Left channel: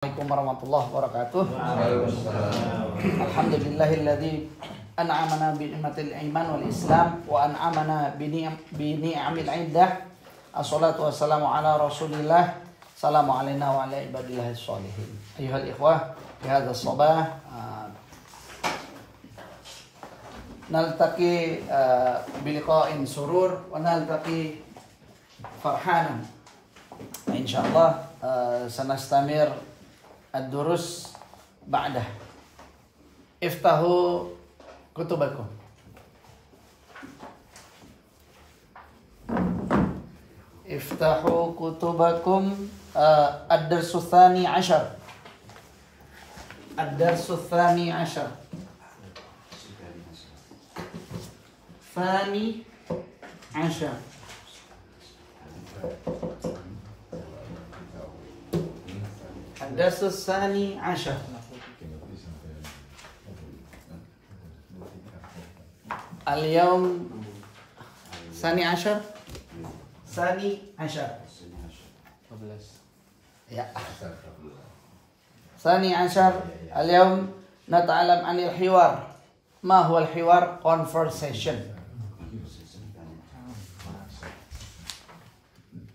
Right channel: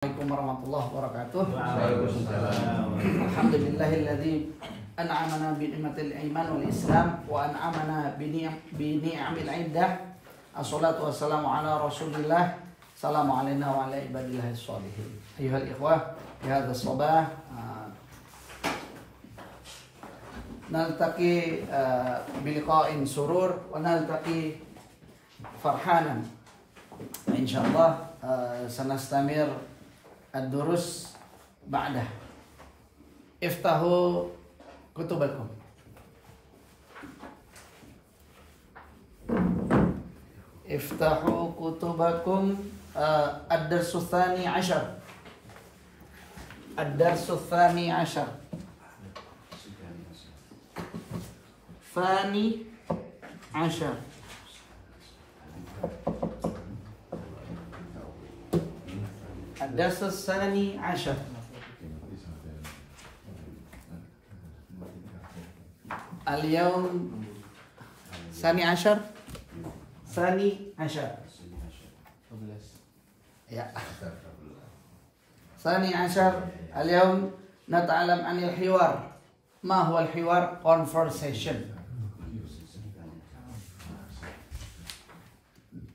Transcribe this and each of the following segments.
Assalamualaikum warahmatullahi wabarakatuh. Alhamdulillahilladzi an'amana bi ni'matil iman wal islam wa an'amana bi ni'amil iddah. Assalatu wassalamu ala Rasulillah. Assalamu alayna wa ala ibadillahis sholihin. Ayyuhal ikhwah, fi hadzal sabah naltaqi bi liqa'in surur wa naltaqi farhanan. Insyaallah sanastamir ad-durus ba'dah. Iftahu kutubakum. Iftahu kutubakum ad-darsu tsani 'ashar. Ad-darsu tsani 'ashar. Tsani 'ashar. الدرس الثاني عشر. اليوم ثاني عشر. يا ثاني عشر. اليوم نتعلم عن الحوار. ما هو الحوار؟ Conversation.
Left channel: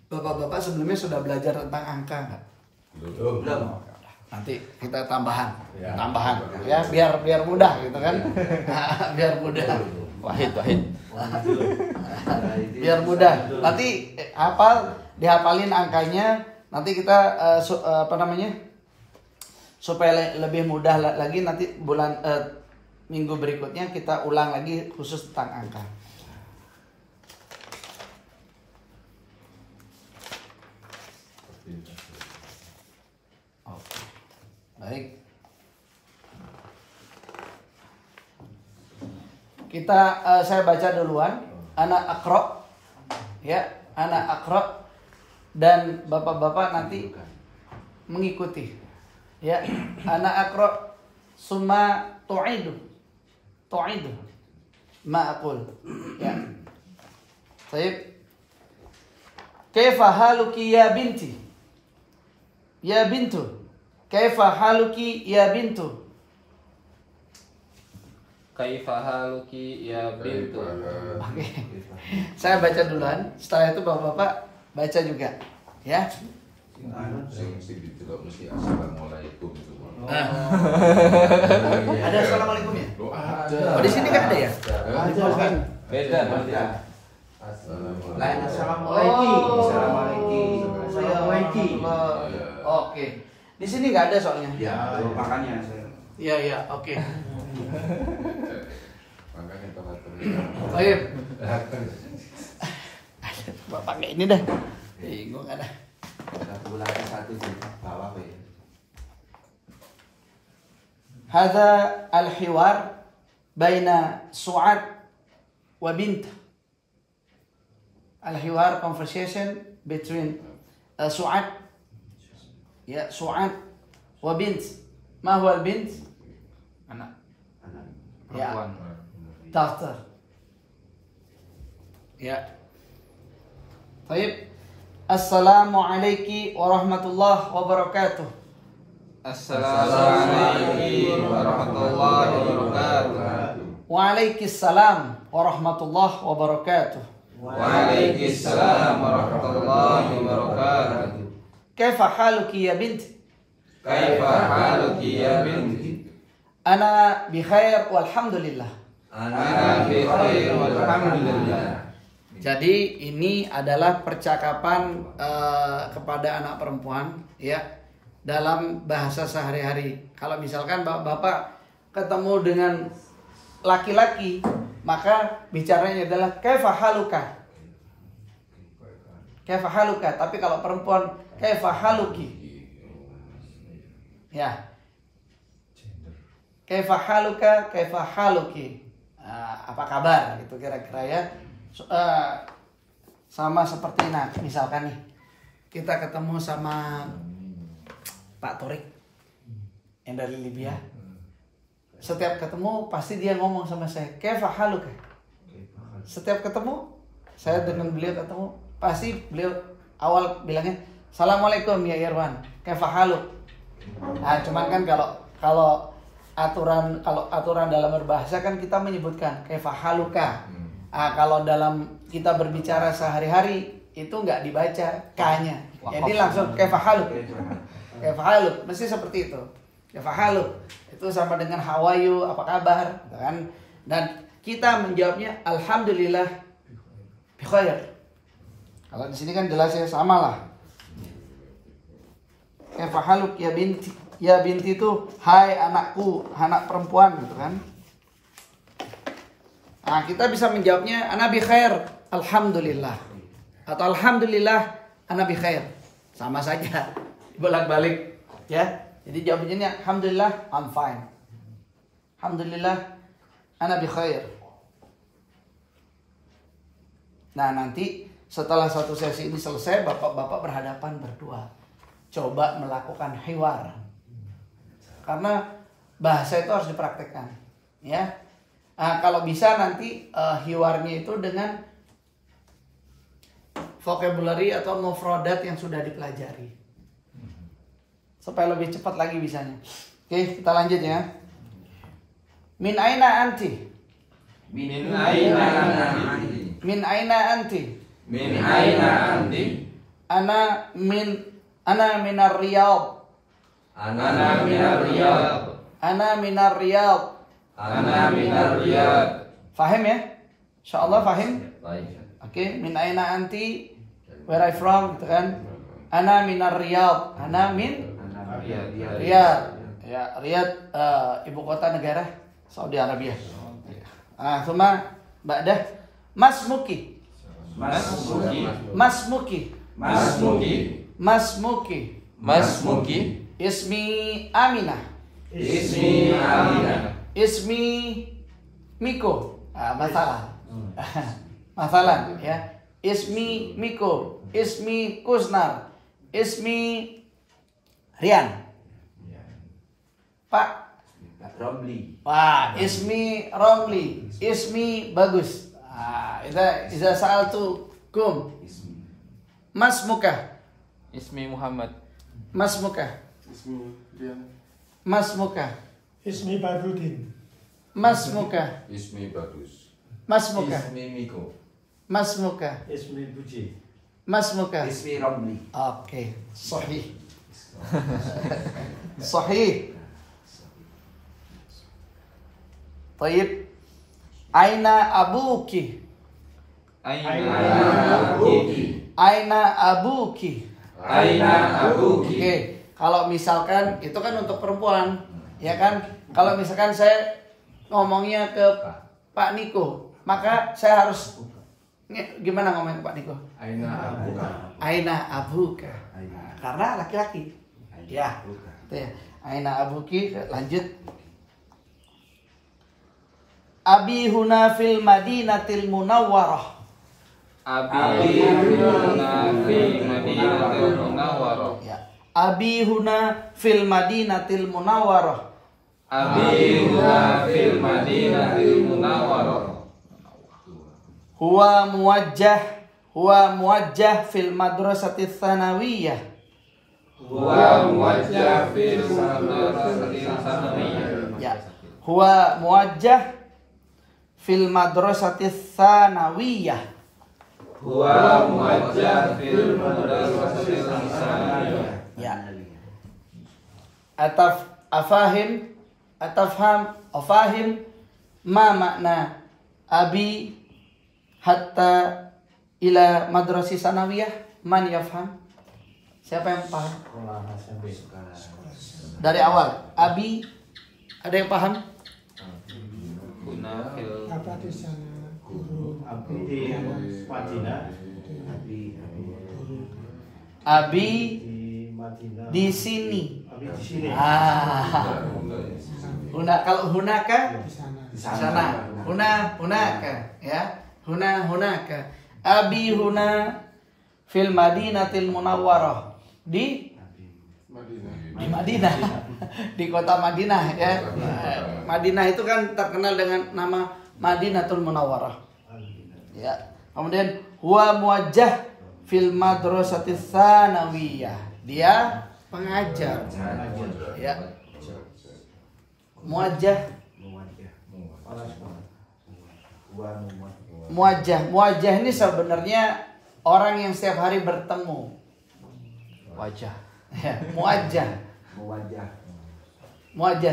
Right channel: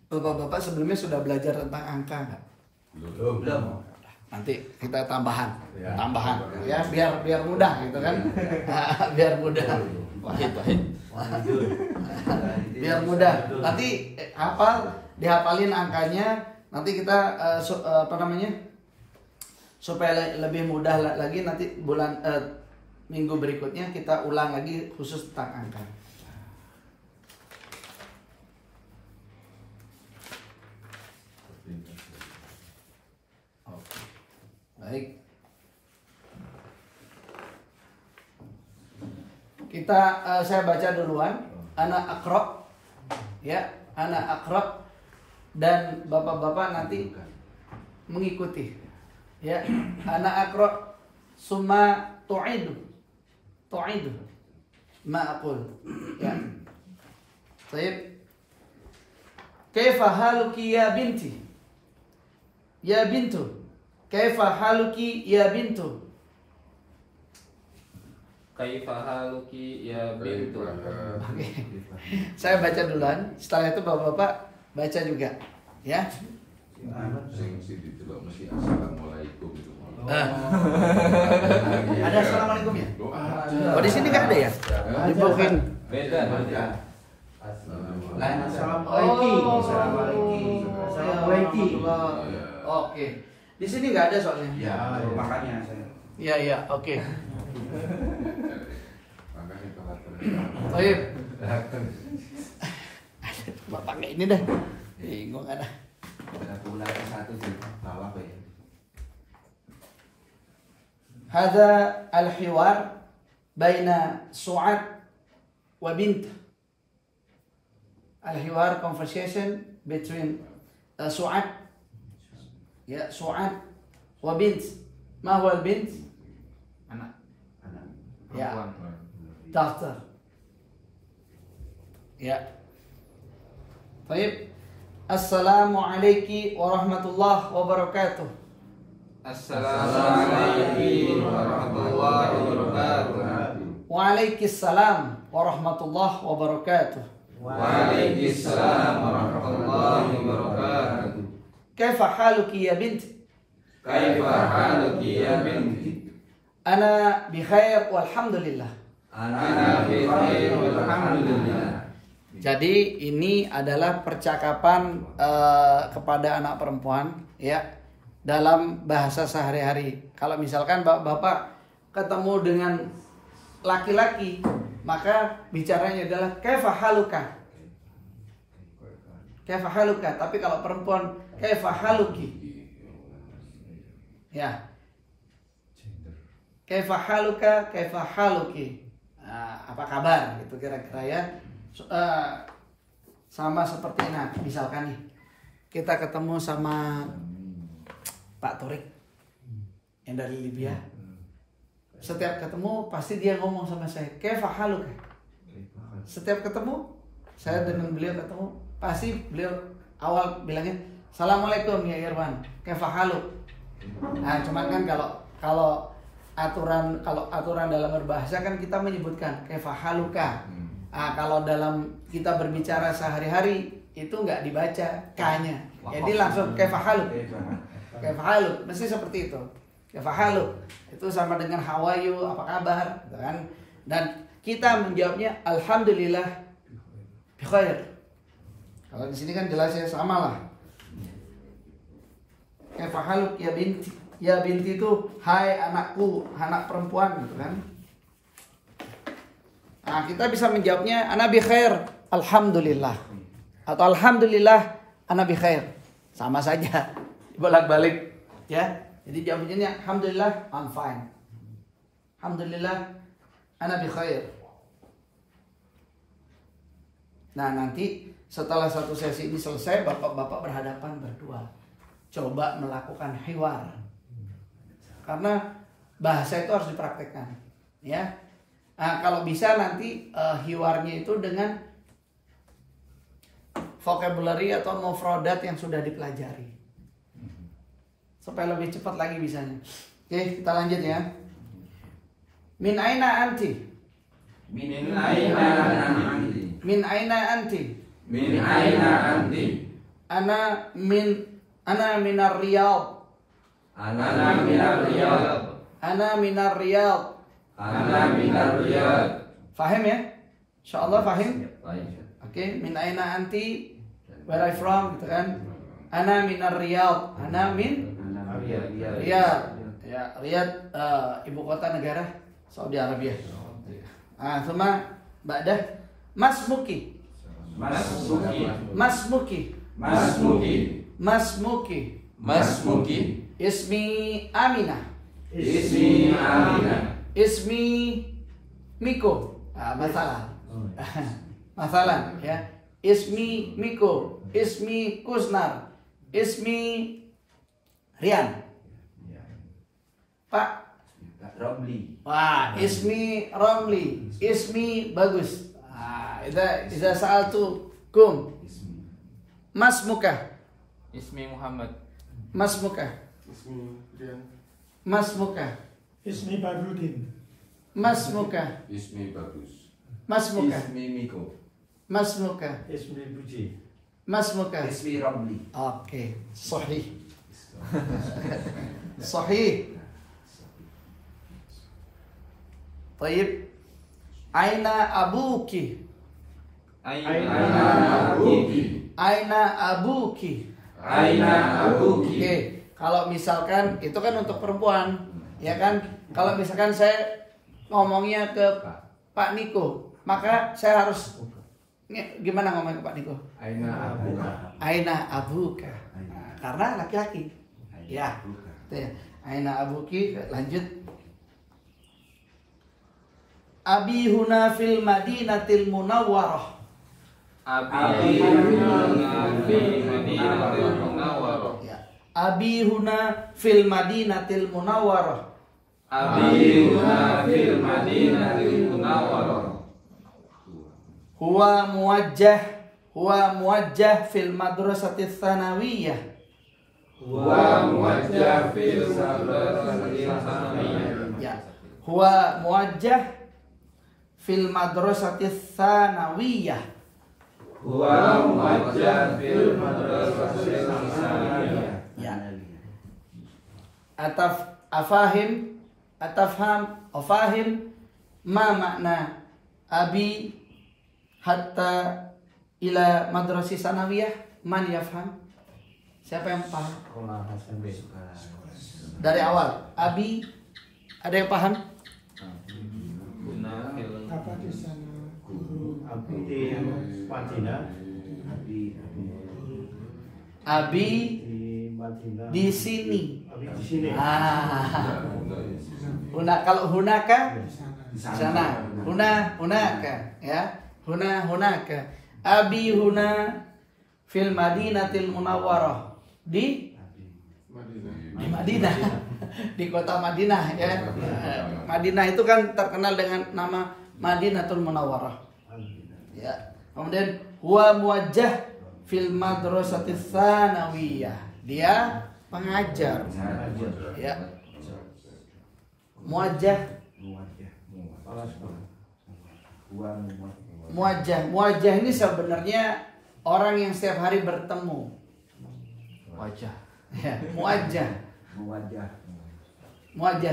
Bapak-bapak sebelumnya sudah belajar tentang angka nggak? Belum. Nanti kita tambahan ya biar mudah gitu kan. Biar mudah. Wahid. Biar mudah. Nanti dihafalin angkanya. Nanti kita supaya lebih mudah lagi nanti minggu berikutnya kita ulang lagi khusus tentang angka. Baik. Saya baca duluan. Ana aqra. Ya, ana aqra dan bapak-bapak nanti mengikuti. Ya, ana aqra summa tu'idu ma aqul. Ya. Baik. Kaifa haluki ya binti? Ya bintu. Kaifa haluki ya bintu? Kaifa haluki ya bintu. Oke. Saya baca duluan, setelah itu bapak-bapak baca juga, ya. Ada assalamualaikum ya? Oh, di sini nggak ada ya? Beda. Lain assalamualaikum. Oke. Di sini nggak ada soalnya. Ya, makanya saya. Iya, oke. Baik. Bapak pakai ini dah. Bingung ada. Satu di bawah apa ya? Hada al-hiwar baina Su'ad wa bint. Al-hiwar conversation between Su'ad ya Su'ad wa bint. Ma huwa al-bint? Anak. Ya. Daughter. Ya. Baik. Assalamualaikum warahmatullahi wabarakatuh. Assalamualaikum warahmatullahi wabarakatuh. Waalaikumsalam warahmatullahi wabarakatuh. Waalaikumsalam warahmatullahi wabarakatuh. Kaifa haluki ya binti? Kaifa haluki ya binti? Ana bi khair walhamdulillah. Ana bi khair walhamdulillah. Jadi ini adalah percakapan kepada anak perempuan ya dalam bahasa sehari-hari. Kalau misalkan bapak ketemu dengan laki-laki, maka bicaranya adalah kaifa haluka. Kaifa haluka, tapi kalau perempuan kaifa haluki. Ya. Kaifa haluka, kaifa haluki. Apa kabar? Itu kira-kira ya. Sama seperti misalkan nih kita ketemu sama Pak Torik yang dari Libya. Setiap ketemu pasti dia ngomong sama saya, kaifa haluka. Setiap ketemu saya dengan beliau ketemu pasti beliau awal bilangnya Assalamualaikum ya Irwan, kaifa haluk? Nah, cuman kan kalau aturan dalam berbahasa kan kita menyebutkan kaifa haluka. Nah, kalau dalam kita berbicara sehari-hari itu nggak dibaca k-nya. Jadi langsung kaifa haluk. Kaifa haluk, mesti seperti itu. Kaifa haluk. Itu sama dengan how are you, apa kabar, gitu kan? Dan kita menjawabnya alhamdulillah bi khair. Kalau di sini kan jelas ya sama lah. Kaifa haluk ya binti. Ya binti itu hai anakku, anak perempuan gitu kan. Nah, kita bisa menjawabnya ana bi khair, alhamdulillah. Atau alhamdulillah ana bi khair. Sama saja. Bolak-balik ya. Jadi jawabannya alhamdulillah I'm fine. Alhamdulillah ana bi khair. Nah, nanti setelah satu sesi ini selesai, bapak-bapak berhadapan berdua. Coba melakukan hiwar. Karena bahasa itu harus dipraktekkan, ya. Nah, kalau bisa nanti hiwarnya itu dengan vocabulary atau mufradat yang sudah dipelajari, supaya lebih cepat lagi bisanya. Oke, kita lanjut ya. Min aina anti? Min aina anti? Min aina anti? Min aina anti? Ana minar Riyadh. Ana minar Riyadh. Ana minar Riyadh. Ana minar Riyadh. Fahim ya? Insyaallah fahim? Baik. Oke, min aina anti? Where I from gitu kan? Ana minar Riyadh. Ana min Riyadh. Ya, Riyadh ibu kota negara Saudi Arabia. Thumma ba'dah masmuki. Masmuki. Masmuki. Masmuki. Masmuki. Masmuki. Ismi Aminah. Ismi Aminah. Ismi Miko. Masalah. Masalah ya. Ismi Miko. Ismi Kusnar. Ismi Rian. Pak Romli. Wah, ismi Romli, ismi bagus. Iza sa'altu kum. Mas muka. Ismi Muhammad. Mas muka. Ismi Rian. Mas muka. Ismi Badrudin. Mas muka. Ismi bagus. Mas muka. Ismi Miko. Mas muka. Ismi Buji. Mas muka. Ismi Romli. Oke, sahih. Sahih. Taib. Aina abuki. Aina abuki. Aina abuki. Aina abuki. Oke, kalau misalkan itu kan untuk perempuan, ya kan? Kalau misalkan saya ngomongnya ke Pak Niko, maka saya harus gimana ngomongnya ke Pak Niko? Aina abuka. Aina abuka. Nah, karena laki-laki. Ya. Itu ya. Aina abuki. Lanjut. Abi huna fil Madinatil Munawwarah. Abi huna fil Madinatil Munawwarah. Ya. Abi huna fil Madinatil Munawwarah. Abi huna fil Madinatil Munawwarah. Huwa muwajjah fil madrasati tsanawiyah. Huwa muwajjah fil madrasatil tsanawiyah. Ya. Huwa muwajjah fil madrasati tsanawiyah. Huwa muwajjah fil madrasatil tsanawiyah. Ya. Afahim ma makna abi hatta ila madrasi sanawiyah? Man yafham? Siapa yang paham? Dari awal abi ada yang paham? Apa di sana guru Di Madinah. Abi di Madinah. di sini. Abi di sini. Kalau hunaka Di sana. sana. Hunaka ya. Hunaka. Abi huna fil Madinatil Munawwarah. Di Madinah. Di kota Madinah ya. Madinah itu kan terkenal dengan nama Madinatul Munawwarah. Ya. Kemudian huwa muwajjah fil madrasati tsanawiyah. Dia pengajar. Ya. Muwajjah. Muwajjah ini sebenarnya orang yang setiap hari bertemu. Wajah. Ya, muwajjah.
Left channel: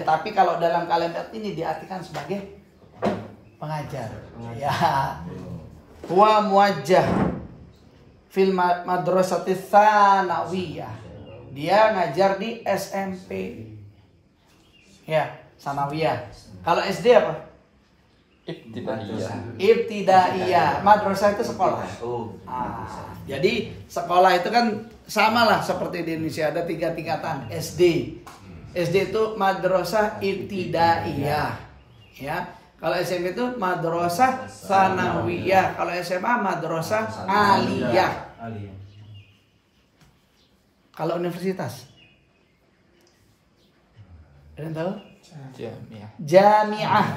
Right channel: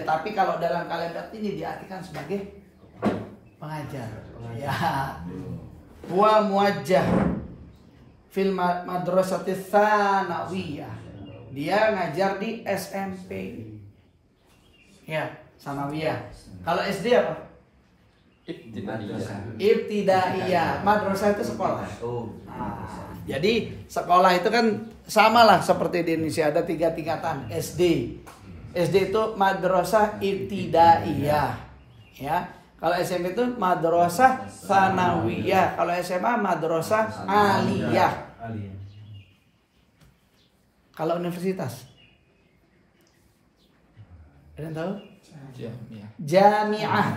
Tapi kalau dalam kalimat ini diartikan sebagai pengajar. Ya. Huwa muwajjah fil madrasati tsanawiyah. Dia ngajar di SMP. Ya, sanawiyah. Kalau SD apa? Ibtidaiyah. Madrasah itu sekolah. Jadi sekolah itu kan sama lah seperti di Indonesia, ada 3 tingkatan. SD itu madrasah ibtidaiyah. Ya. Kalau SMP itu madrasah sanawiyah. Kalau SMA madrasah aliyah. Kalau universitas, ada yang tahu? Jami'ah.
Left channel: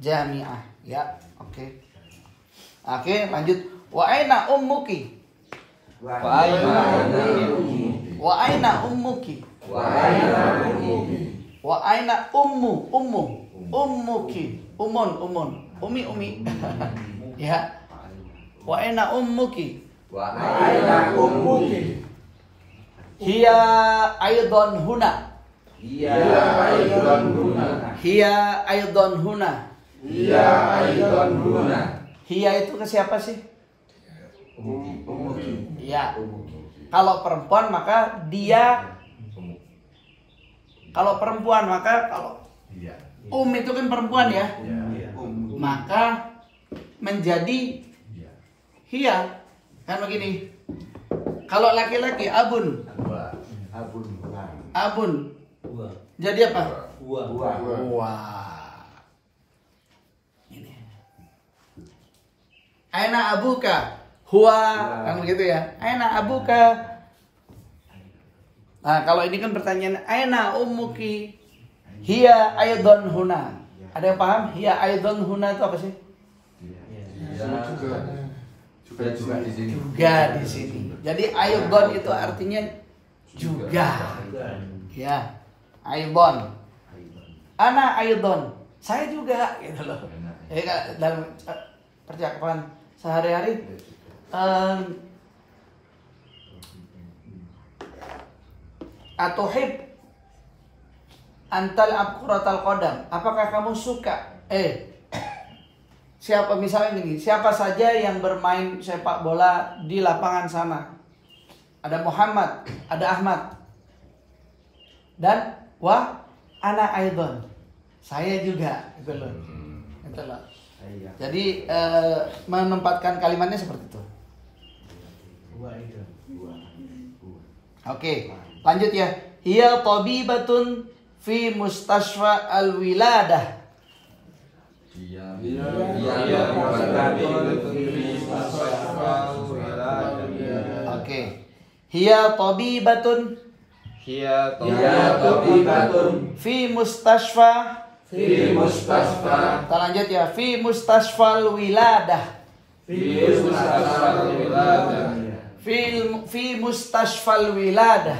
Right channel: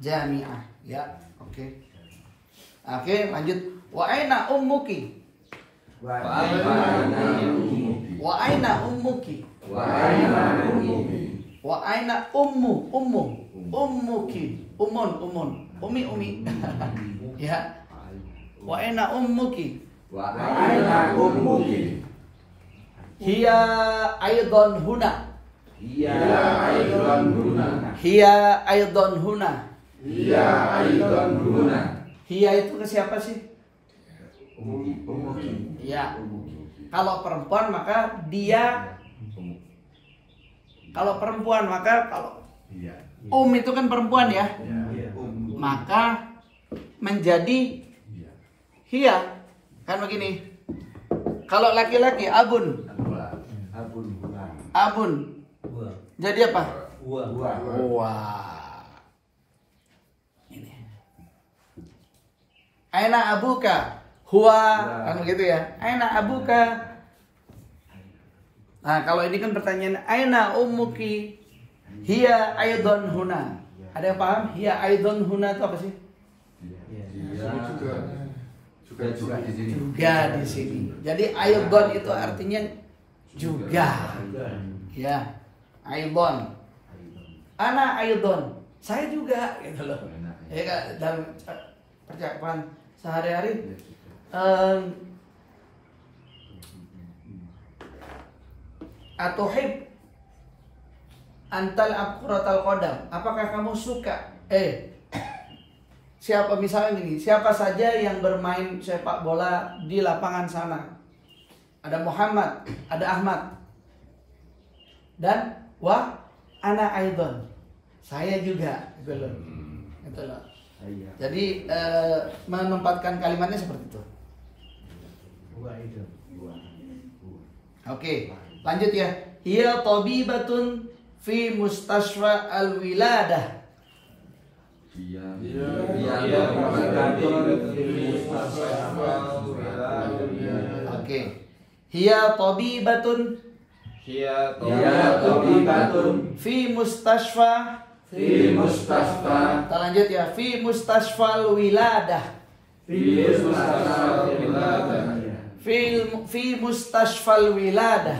Jami'ah. Ya, oke. Oke, lanjut. Wa aina ummuki? Wa aina ummuki? Wa aina ummuki? Umi. Ya. Wa aina ummuki? Hiya aidan huna. Hiya itu ke siapa sih? Ya. Kalau perempuan maka dia. Kalau perempuan maka kalau itu kan perempuan ya. Maka menjadi hiya. Kan begini. Kalau laki-laki abun. Jadi apa? Wah. Ini. Aina abuka? Huwa. Kan begitu ya. Aina abuka? Nah, kalau ini kan pertanyaan aina ummuki? Hiya aidan huna. Ada yang paham? Hiya aidan huna itu apa sih? Juga di sini. Ya di sini. Jadi aidan itu artinya juga. Ya. Aidan. Ana aidan. Saya juga gitu loh. Jadi dalam percakapan sehari-hari atuhib antal abquratal qadam. Apakah kamu suka? Siapa misalnya ini? Siapa saja yang bermain sepak bola di lapangan sana? Ada Muhammad, ada Ahmad, dan ana aidan. Saya juga, gitu loh. Jadi menempatkan kalimatnya seperti itu. Oke, lanjut ya. Hiya tabibatun fi mustashfa al-wiladah. Oke. Hiya tabibatun fi mustashfa. Kita lanjut ya. Fi mustashfal wiladah. Fi mustashfal wiladah.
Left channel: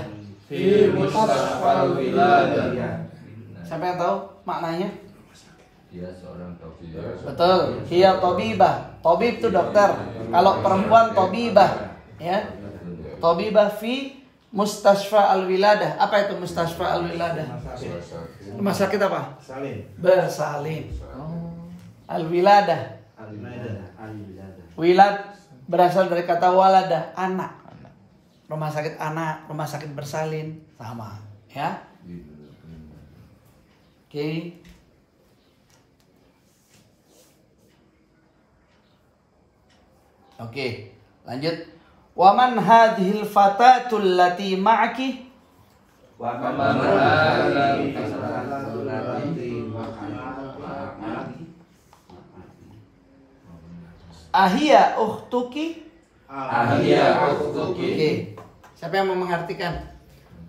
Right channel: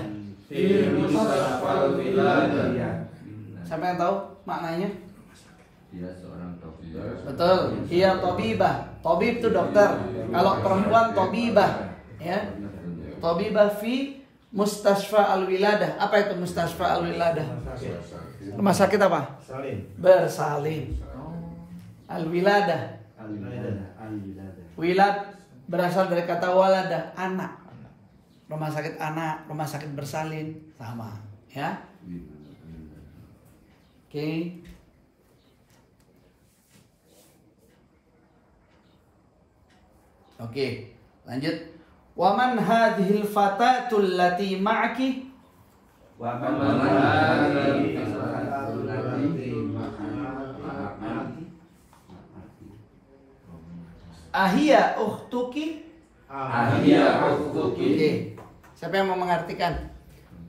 Siapa yang tahu maknanya? Dia seorang tabib. Betul. Hiya tabibah. Tabib itu dokter. Kalau perempuan tabibah, ya. Tabibah fi mustashfa al-wiladah. Apa itu mustashfa al-wiladah? Rumah sakit apa? Bersalin. Al-wiladah. Wilad berasal dari kata waladah, anak. Rumah sakit anak, rumah sakit bersalin sama, ya. Oke. Oke, lanjut. Waman hadhil fatatul lati ma'aki? Ahia ukhtuki? Oke. Siapa yang mau mengartikan?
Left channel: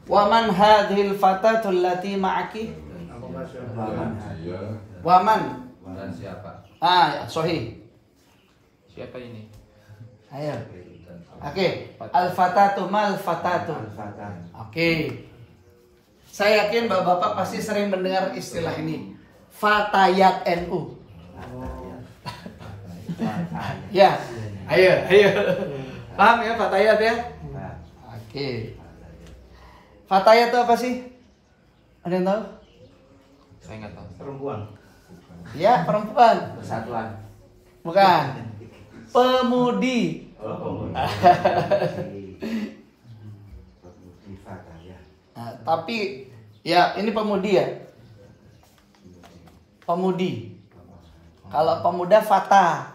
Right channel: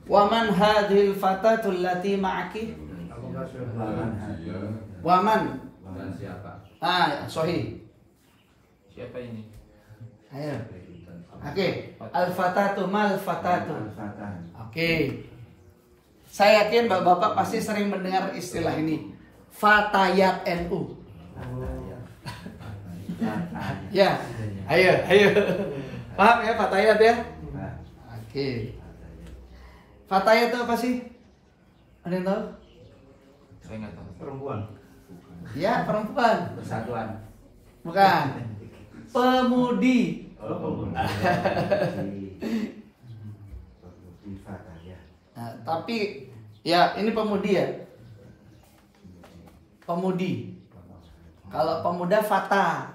Waman hadhil fatatul lati ma'aki? Waman. Dan siapa? Ya, sahih. Siapa ini? Ayo. Oke, al-fatatu mal fatatu. Al-Fatah. Oke. Saya yakin Bapak-bapak pasti sering mendengar istilah ini. Fatayat NU. Ya. Ayo. Paham ya fatayat ya? Oke. Fatayat itu apa sih? Ada yang tahu? Saya nggak tahu. Perempuan. Ya, perempuan. Persatuan. Bukan. Pemudi. Oh, Di Fatah ya. Nah, tapi ya ini pemudi ya. Pemudi. Kalau pemuda fata.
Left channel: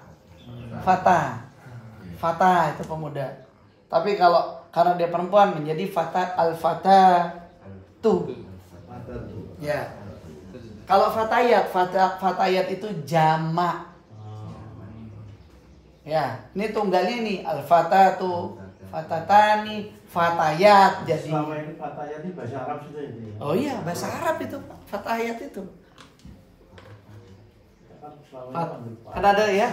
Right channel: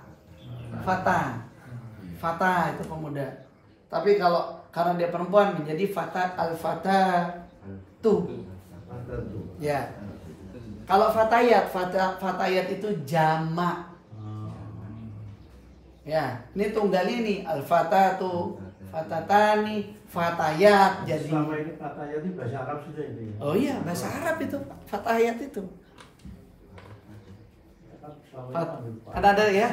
Fata itu pemuda. Tapi kalau karena dia perempuan menjadi fata al-fata tuh. Fatah tuh. Ya. Kalau fatayat itu jamak. Ya, ini tunggal ini al-fatatu, fatatani, fatayat. Jadi Selama ini Fatayat ini bahasa Arab sudah itu ya. oh iya, bahasa Arab itu fatayat itu. Kan ada ya?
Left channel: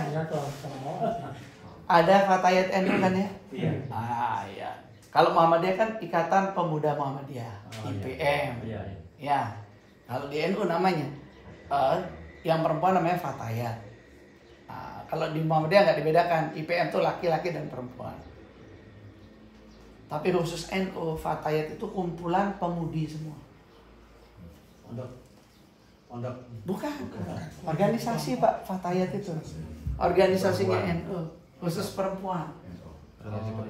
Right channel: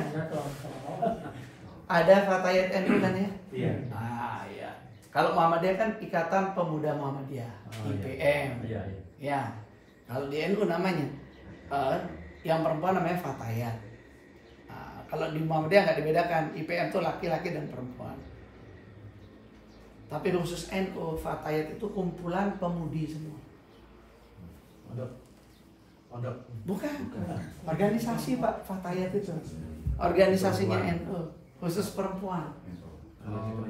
Ada fatayat NU kan ya? Iya. Ah ya. Kalau Muhammadiyah kan Ikatan Pemuda Muhammadiyah, Oh, IPM. Iya. Ya. Kalau di NU namanya yang perempuan namanya fatayat. Kalau di Muhammadiyah nggak dibedakan, IPM itu laki-laki dan perempuan. Tapi khusus NU, fatayat itu kumpulan pemudi semua. Pondok. Bukan. Organisasi Pak, fatayat itu. Organisasinya NU, khusus perempuan.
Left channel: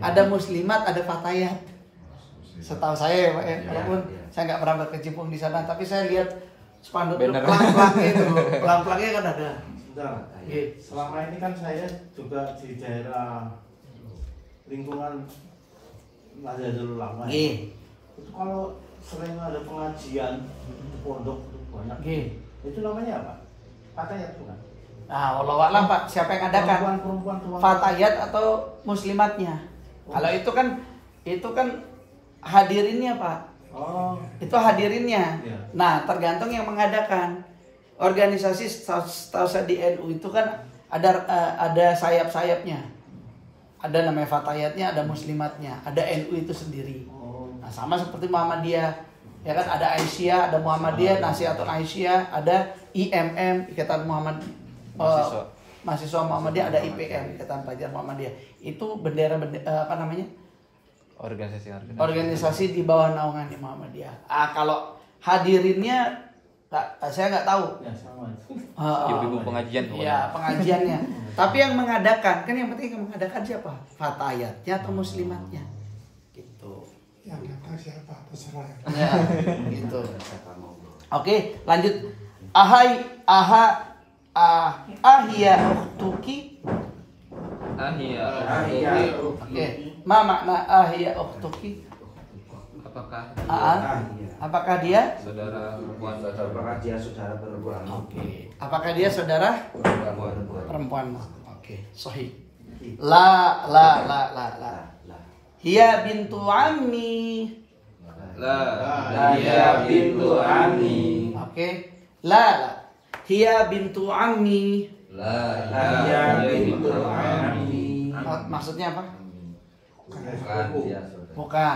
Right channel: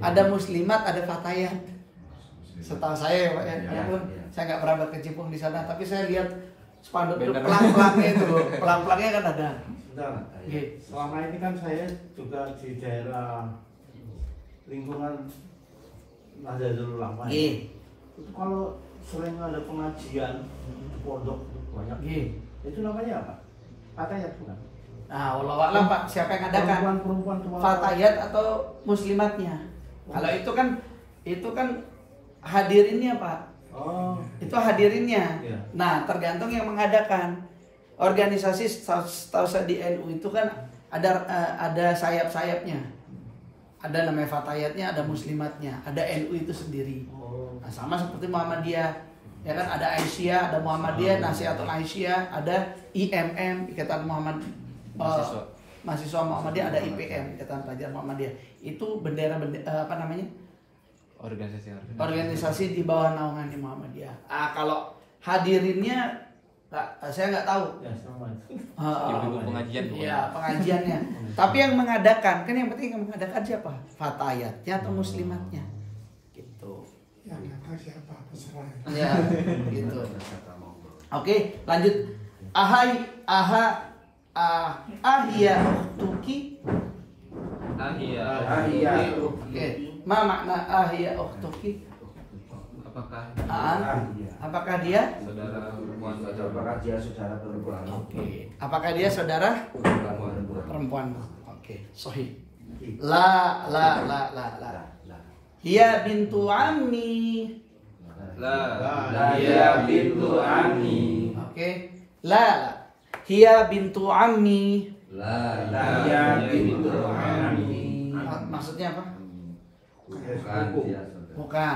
Ada muslimat, ada fatayat. Setahu saya, Pak, walaupun saya nggak pernah berkecimpung di sana, tapi saya lihat spanduk itu pelang-pelangnya itu, pelang-pelangnya kan ada. Bentar. Oke. Selama ini kan saya juga di daerah lingkungan Nahdlatul Ulama. Iya. Itu kalau sering ada pengajian di pondok banyak. Iya. Itu namanya apa? Fatayat bukan? Nah, wallahu a'lam Pak, siapa yang adakan? Perempuan cuma Fatayat atau muslimatnya? Kalau itu kan hadirinnya Pak. Oh, Itu hadirinnya. Iya. Nah, tergantung yang mengadakan. Organisasi setahu saya di NU itu kan ada sayap-sayapnya. Ada namanya fatayatnya, ada muslimatnya, ada NU itu sendiri. oh. Nah, sama seperti Muhammadiyah. Ya kan ada Aisyah, ada Muhammadiyah, Nasihatul Aisyah, ada IMM, Ikatan Mahasiswa Muhammadiyah, ada IPM, Ikatan Pelajar Muhammadiyah. Itu apa namanya? Organisasi di bawah naungan Muhammadiyah. Kalau hadirinnya saya nggak tahu. Ya sama itu. Ibu-ibu pengajian tuh. Ya pengajiannya. Tapi yang mengadakan kan yang penting yang mengadakan siapa? Fatayatnya atau muslimatnya? Gitu. Yang datang siapa? Terserah. Ya, gitu. Oke, lanjut. Ahya ukhtuki. Ahia. Oke. Ma makna ahya ukhtuki? Apakah Apakah dia? saudara perempuan Apakah dia saudara perempuan? Oke. Apakah dia saudara perempuan? perempuan? Oke, sahih. La. Hiya bintu ammi. Dia bintu Ami. Oke. La. Hiya bintu ammi. Dia bintu Ami. Maksudnya apa? Bukan dia saudara. Bukan.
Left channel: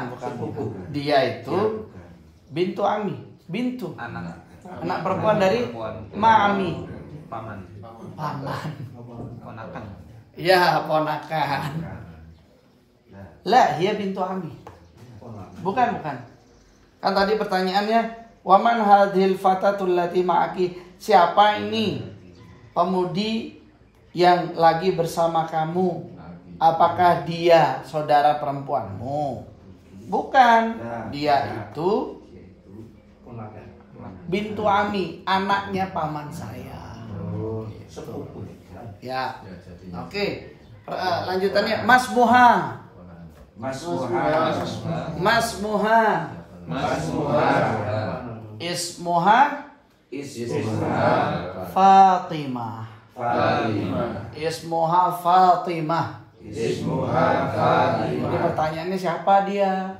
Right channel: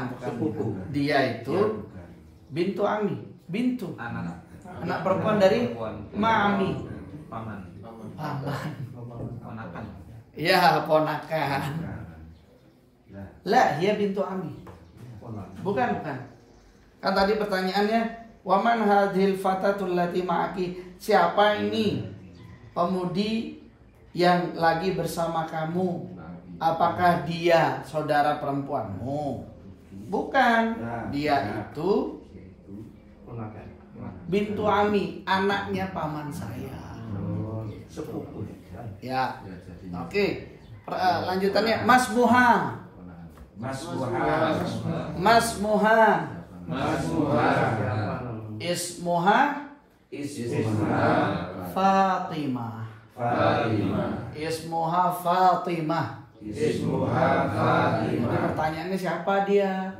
Dia itu bintu ammi. Bintu. Anak perempuan dari ma'ami. Paman. Paman. Ponakan. Ya, ponakan. La, hiya bintu ammi. Bukan. Kan tadi pertanyaannya, waman hadhil fatatul lati ma'aki? Siapa ini pemudi yang lagi bersama kamu? Apakah dia saudara perempuanmu? Bukan. Dia itu bintu ami, anaknya paman saya. Sepupu. Ya. Ya, jadi Oke. Lanjutannya Mas Muha. Ismuha Fatimah. Ismuha Fatimah. Jadi pertanyaannya siapa dia?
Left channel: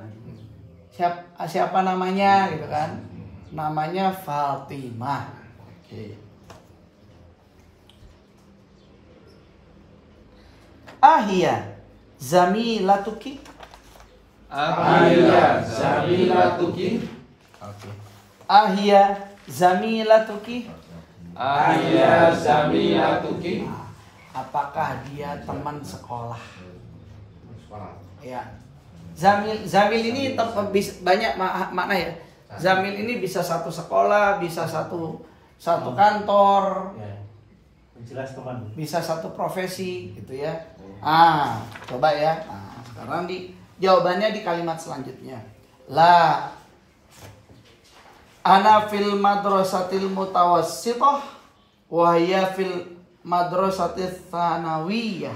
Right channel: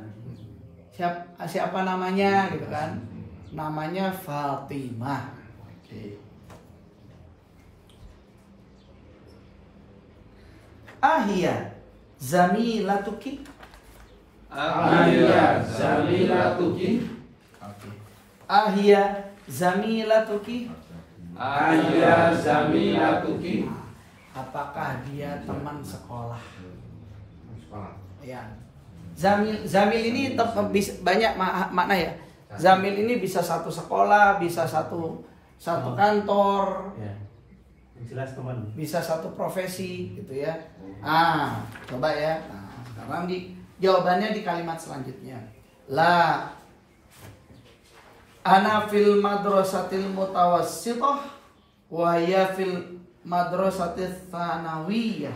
Siapa namanya gitu kan? Namanya Fatimah. Oke. Ahia zamilatuki. Ahia zamilatuki. Oke. Ahia zamilatuki. Ahia zamilatuki. Apakah dia teman sekolah? Ya. Zamil ini banyak makna ya. Zamil ini bisa satu sekolah, bisa satu kantor, Ya. Jelas teman. bisa satu profesi gitu ya. Coba ya. Nah, sekarang jawabannya di kalimat selanjutnya. La ana fil madrasatil mutawassithah wa hiya fil madrasatil tsanawiyah.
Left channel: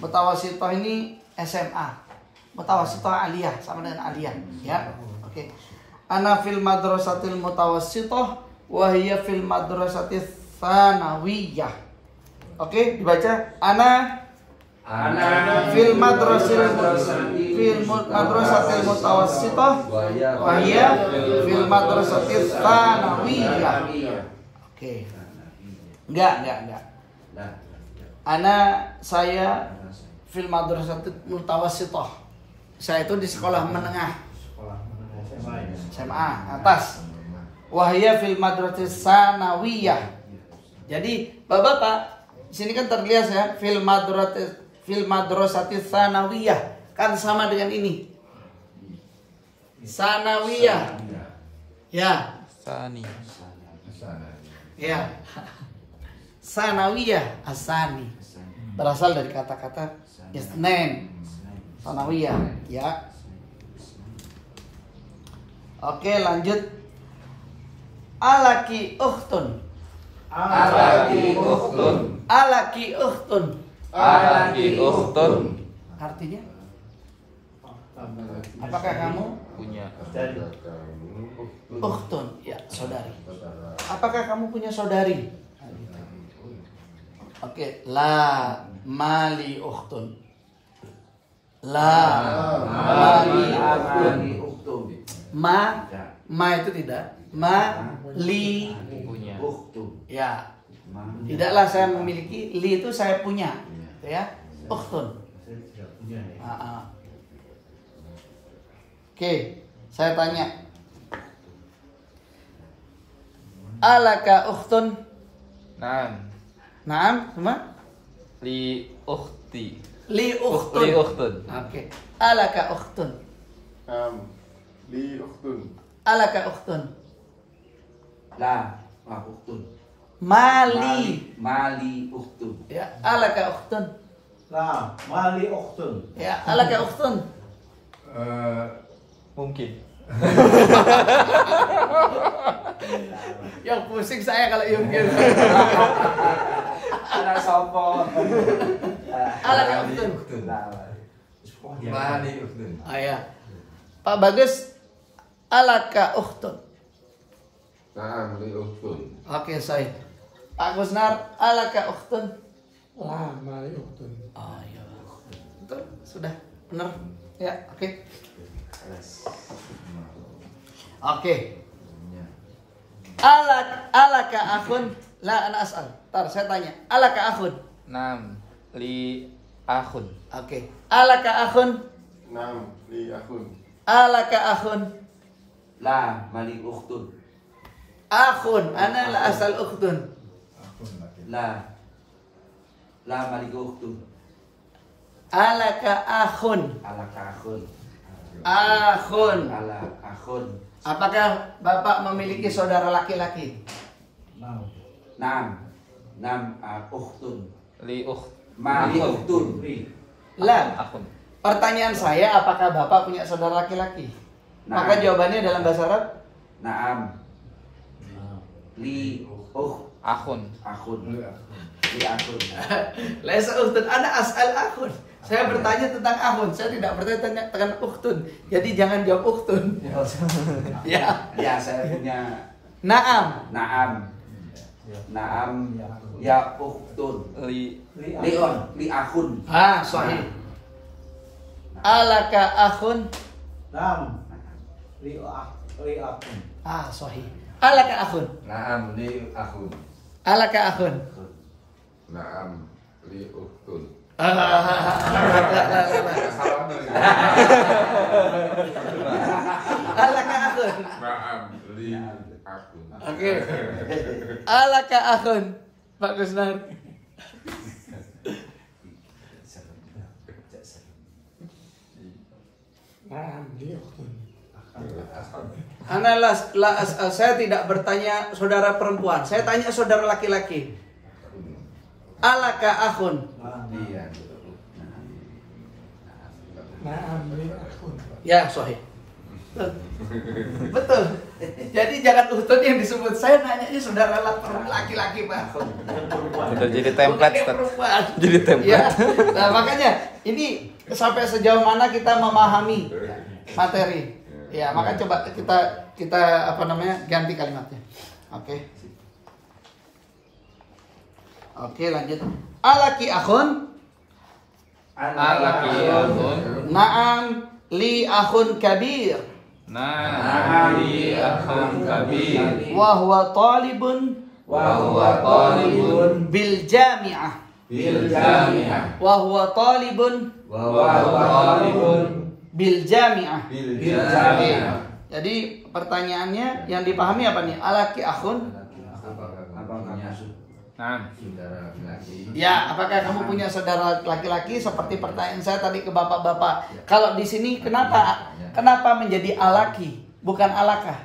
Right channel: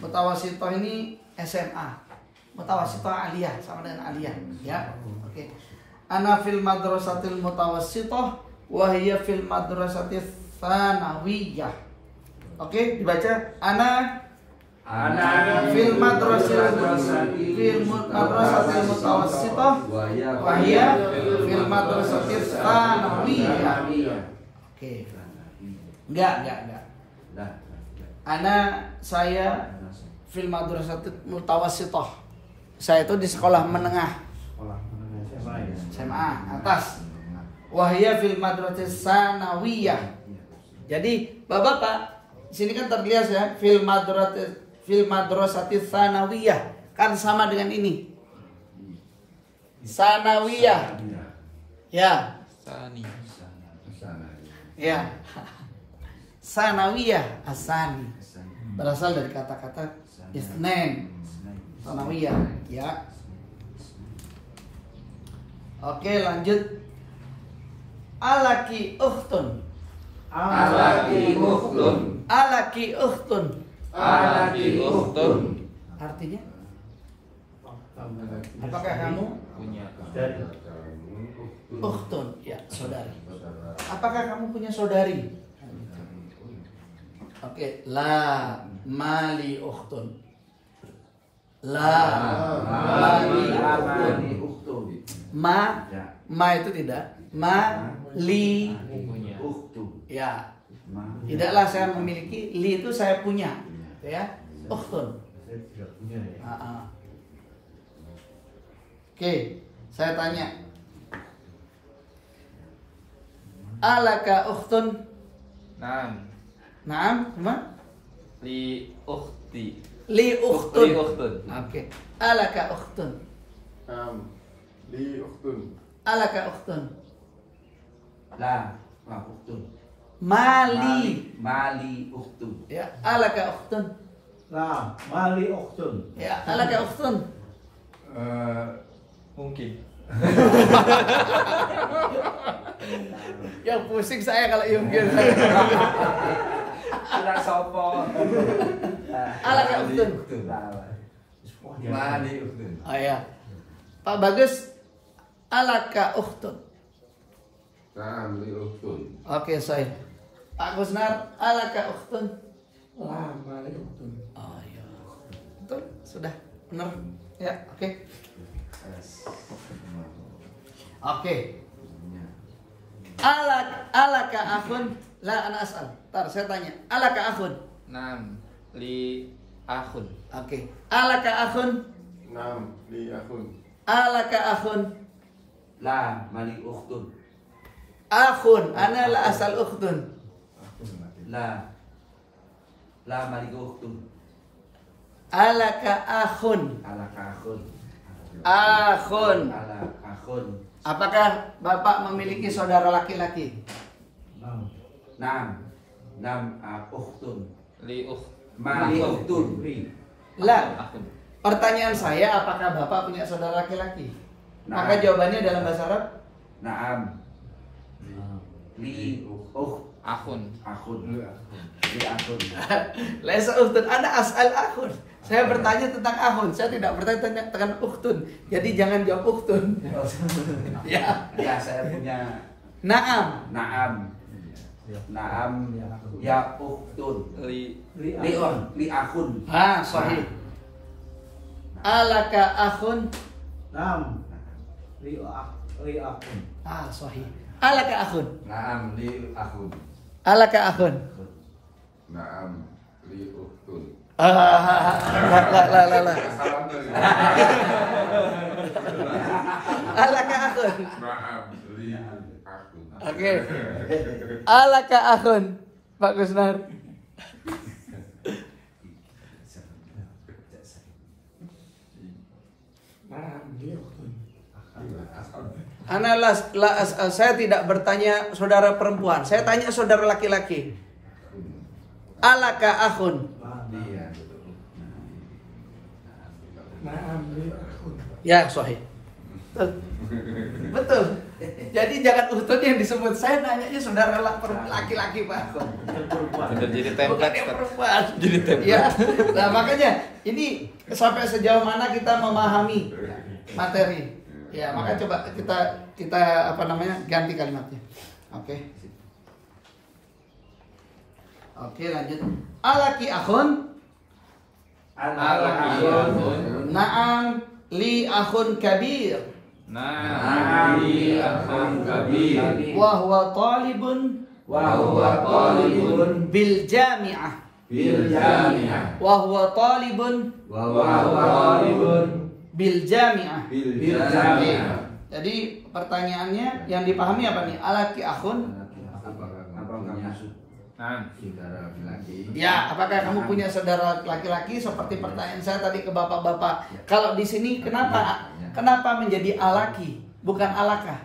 Mutawassithah ini SMA. Mutawassithah aliyah sama dengan aliyah ya. Oke. Ana fil madrasatil mutawassithah wa hiya fil madrasatil tsanawiyah. Oke, dibaca ana fil madrasatil mutawassithah wa hiya fil madrasatil tsanawiyah. Oke. Enggak. Saya fil madrasatil mutawassithah. Saya itu di sekolah menengah. SMA atas. Wahya fil madrasatis sanawiyah. Jadi Bapak-bapak, sini kan terlihat ya fil madrasatis sanawiyah kan sama dengan ini. Sanawiyah. Ya. Sani. Ya. Sanawiyah asani. Berasal dari kata-kata isnen. Sanawiyah, ya. Oke, lanjut. Alaki ukhtun. Alaki ukhtun. Alaki ukhtun. Alaki ukhtun. Artinya? Apakah kamu Punya. ukhtun? Ya, saudari. Apakah kamu punya saudari? Oke, la mali ukhtun. La mali ukhtun. Ma itu tidak. Ma li Punya. ya. Tidaklah saya memiliki, li itu saya punya. Ya. Ukhtun. Oke, saya tanya. Alaka ukhtun? Naam. Naam, semua? Li ukhti. Li ukhtun. Li ukhtun. Oke. Alaka ukhtun. Li ukhtun. Alaka ukhtun. La ukhtun. Mali. Mali ukhtun. Ya, alaka ukhtun. La mali ukhtun. Ya, alaka ukhtun. Mungkin. Yang pusing saya kalau mungkin. Sudah sopo. Alaka ukhtun. Mali ukhtun. Ya. Pak Bagus, alaka ukhtun. Naam li ukhtun. Oke, saya. Pak Gusnar, alaka ukhtun. La mali ukhtun. Oh ya. Betul, sudah benar. Ya, oke. Oke. Alaka akhun? La ana as'al. Tar saya tanya. Alaka akhun? Naam. Li akhun. Oke. Alaka akhun? Naam li akhun. Alaka akhun? La mali ukhtun. Akhun, ana la asal ukhtun. La mali ukhtun. Alaka akhun? Alaka akhun. Akhun. Ala akhun. Apakah Bapak memiliki saudara laki-laki? Nam ukhtun. Li ukht. Mali ukhtun. Lah, Akhun. pertanyaan saya apakah Bapak punya saudara laki-laki? Maka jawabannya dalam bahasa Arab Naam. Li Akhun. akhun. Li akhun. laisa ukhtun, ana as'al akhun. Saya bertanya tentang akhun, saya tidak bertanya tentang ukhtun. Jadi jangan jawab ukhtun. Ya. Ya, saya punya Naam. Naam ya ukhtun. Li Li akhun. Sahih. Alaka akhun? Nam li akun. Sahih. Alaka akhun? Naam li akhun. Alaka akhun? Naam li ukhtun. Lah. Alaka akhun. Naam li akhun. Oke. Alaka akhun. Pak Gusnar. نعم لي أخت. Saya tidak bertanya saudara perempuan, saya tanya saudara laki-laki. Alaka akhun. نعم لي أخت. Ya, sahih. Betul. Jadi jangan utun yang disebut. Saya nanyanya saudara laki-laki, Pak. Udah jadi Bukan template. yang perempuan. Jadi template. Ya. Nah, makanya ini sampai sejauh mana kita memahami materi. Ya, maka coba kita apa namanya? Ganti kalimatnya. Oke. Oke, lanjut. Alaki akhun. Alaki akhun. Na'am li akhun kabir. Na'am li akhun kabir. Wa huwa talibun bil jami'ah. Wa huwa talibun bil jami'ah. Oke. Jadi pertanyaannya yang dipahami apa nih? Alaki akhun. Na'am. Ya, apakah kamu punya saudara laki-laki seperti pertanyaan saya tadi ke bapak-bapak? Kalau di sini kenapa menjadi alaki bukan alaka?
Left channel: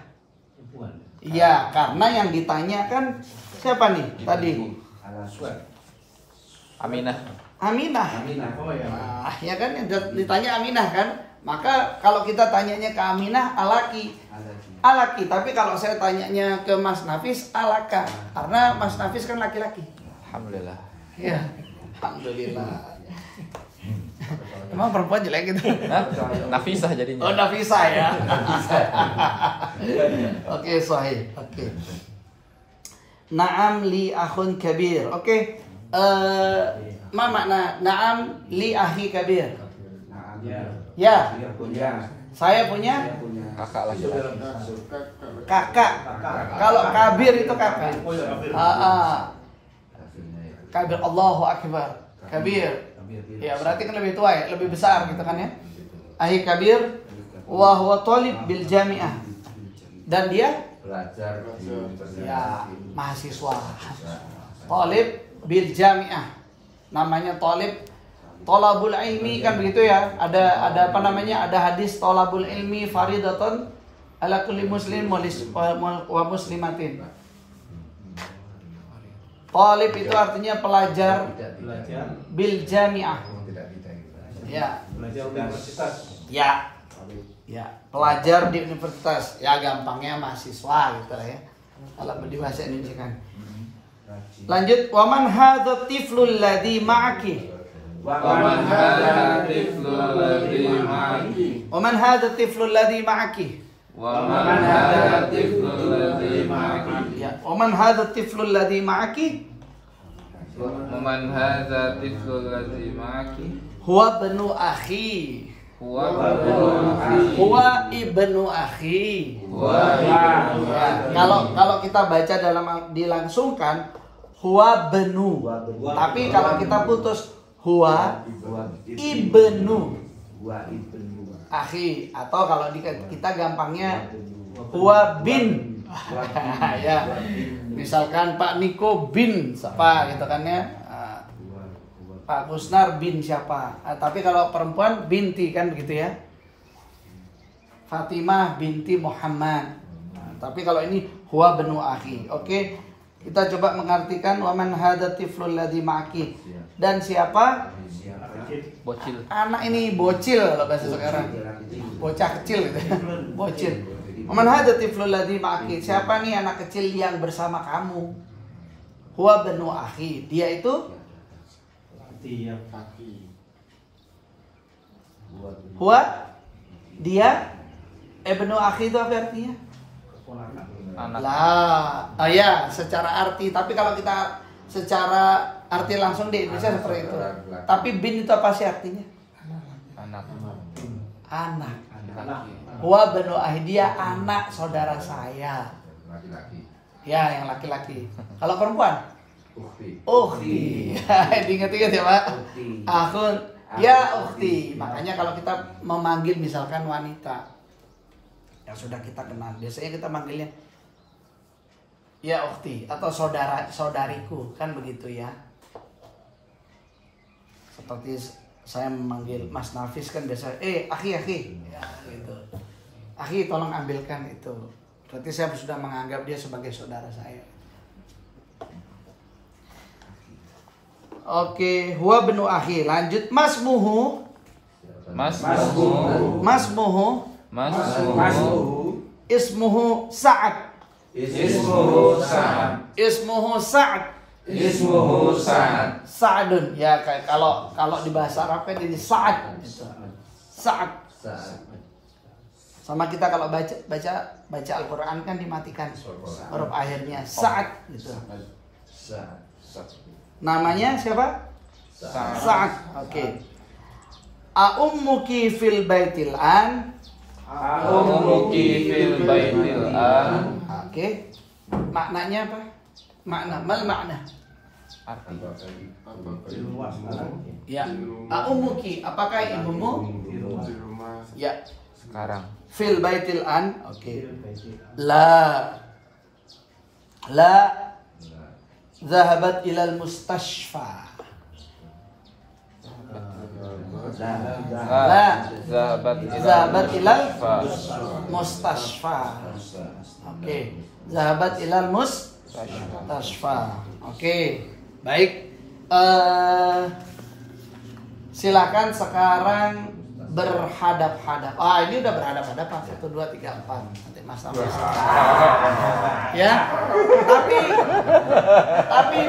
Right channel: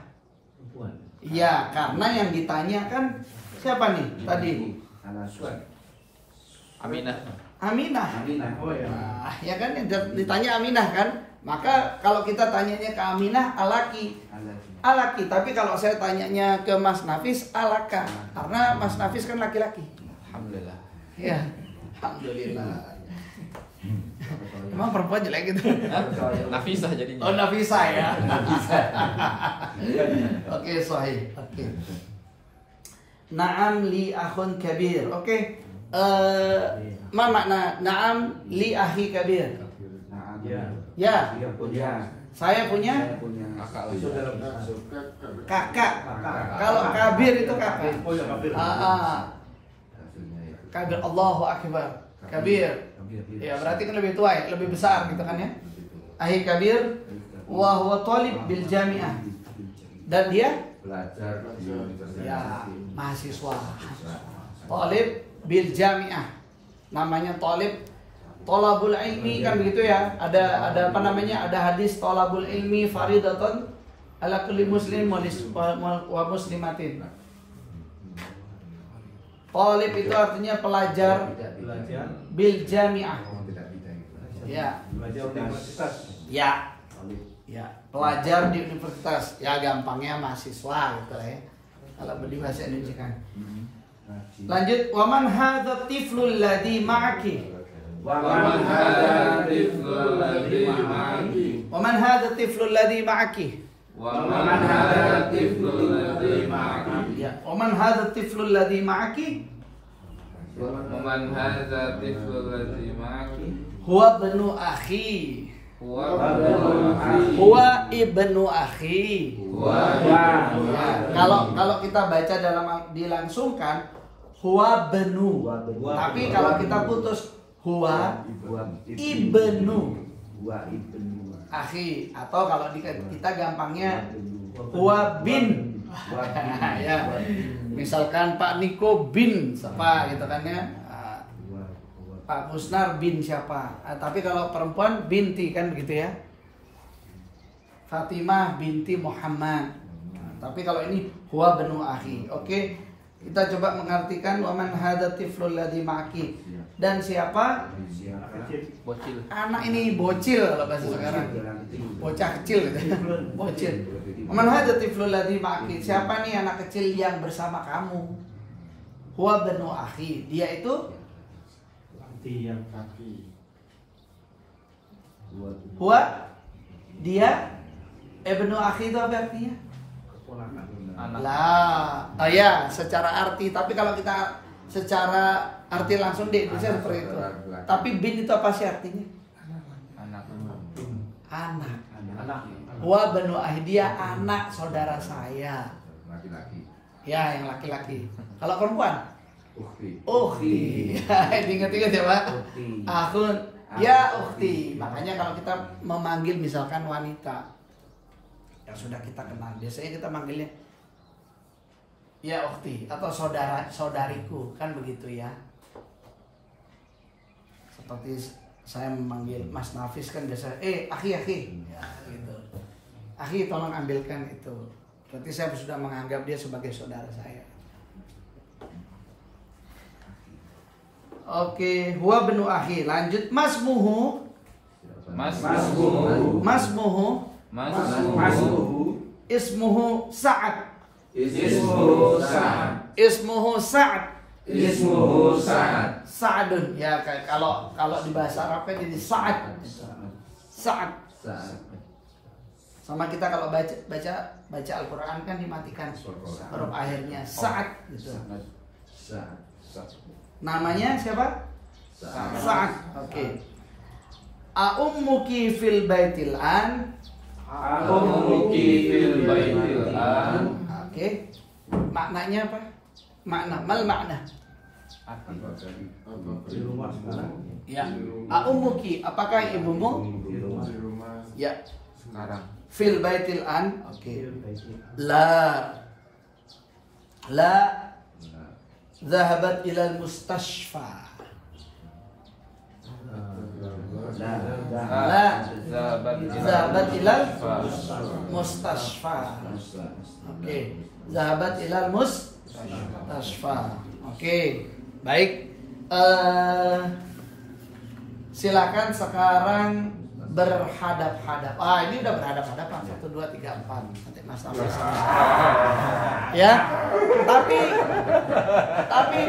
Iya, karena yang ditanyakan siapa nih tadi? Aminah. Aminah. Oh ya. Nah, ya kan ditanya Aminah kan? Maka kalau kita tanyanya ke Aminah alaki. Alaki, tapi kalau saya tanyanya ke Mas Nafis alaka. Karena Mas Nafis kan laki-laki. Alhamdulillah. Ya, alhamdulillah. Emang perempuan jelek gitu? Hah? Nafisah jadinya. Oh, Nafisa ya. Oke, sahih. Oke. Naam li akhun kabir. Oke. Ma makna naam li akhi kabir? Ya. Saya punya Kakak lagi. kakak. Kalau kabir itu kakak. Kabir, Allahu Akbar. Kabir. Ya, berarti kan lebih tua ya, lebih besar gitu kan ya. Akhi kabir wa huwa talib bil jami'ah. Dan dia Belajar di universitas. ya mahasiswa. Talib bil jami'ah. Namanya talib tolabul ilmi kan begitu ya. Ada apa namanya? Ada hadis tolabul ilmi faridatun ala kulli muslim wa muslimatin. Talib itu artinya pelajar bil jami'ah. Ya. Belajar universitas. Ya. Ya, pelajar di universitas. Ya gampangnya mahasiswa gitu ya. Kalau di bahasa Indonesia kan. Lanjut, waman hadza tiflul ladzi ma'aki. Waman hadza tiflul ladzi ma'aki. Waman hadza tiflul ladzi ma'aki. Waman hadza tiflul ladzi ma'aki. Ya, waman hadza tiflul ladzi ma'aki. Waman hadza tiflul ladzi ma'aki. Huwa ibnu akhi. Huwa ibnu akhi. Ya, kalau kita baca dalam dilangsungkan huwa benu. Tapi kalau kita putus huwa ibnu akhi, atau kalau kita gampangnya huwa bin. Ya. Misalkan Pak Niko bin siapa gitu kan ya. Pak Gusnar bin siapa. Tapi kalau perempuan binti kan begitu ya. Fatimah binti Muhammad. Tapi kalau ini huwa benu akhi. Oke. Kita coba mengartikan waman hadza tiflul ladzi ma'aki. Dan siapa? bocil. Anak ini bocil kalau bahasa sekarang. Bocah kecil gitu. Bocil. Waman hadza tiflul ladzi ma'aki. Siapa nih anak kecil yang bersama kamu? Huwa benu akhi. Dia itu huwa dia ibnu akhi itu apa artinya? Lah, oh ya, secara arti. Tapi kalau kita secara arti langsung di Indonesia seperti itu. Tapi bin itu apa sih artinya? Anak. Anak. Huwa benu akhi, dia anak saudara saya. Laki-laki. Ya, yang laki-laki. Kalau perempuan? Ukhti. Ingat-ingat ya Pak. Akhun, ya ukhti. Makanya kalau kita memanggil misalkan wanita yang sudah kita kenal, biasanya kita manggilnya ya ukhti atau saudariku, kan begitu ya. Seperti saya memanggil Mas Nafis kan biasa, akhi, ya, gitu. Akhi tolong ambilkan itu. Berarti saya sudah menganggap dia sebagai saudara saya. Oke, huwa benu akhi. Lanjut, masmuhu. Ismuhu Sa'ad. Sa'adun. Ya kayak kalau di bahasa Arab kan jadi Sa'ad. Sa'ad. Sama kita kalau baca Al-Qur'an kan dimatikan huruf akhirnya Sa'ad gitu. Namanya siapa? Sa'ad. Oke. Ummuki fil baitil an. Oke. Maknanya apa? Makna. Ya. Ummuki, apakah ibumu? Ya. Sekarang. Fil baitil an. Oke. La zahabat ilal mustashfa. Zahabat ilal mustashfa. Oke. Zahabat ilal mustashfa. Oke. Baik. Silakan sekarang berhadap-hadap. Ini udah berhadap-hadapan. 1, 2, 3, 4. Nanti Mas Nafis. Ya. Tapi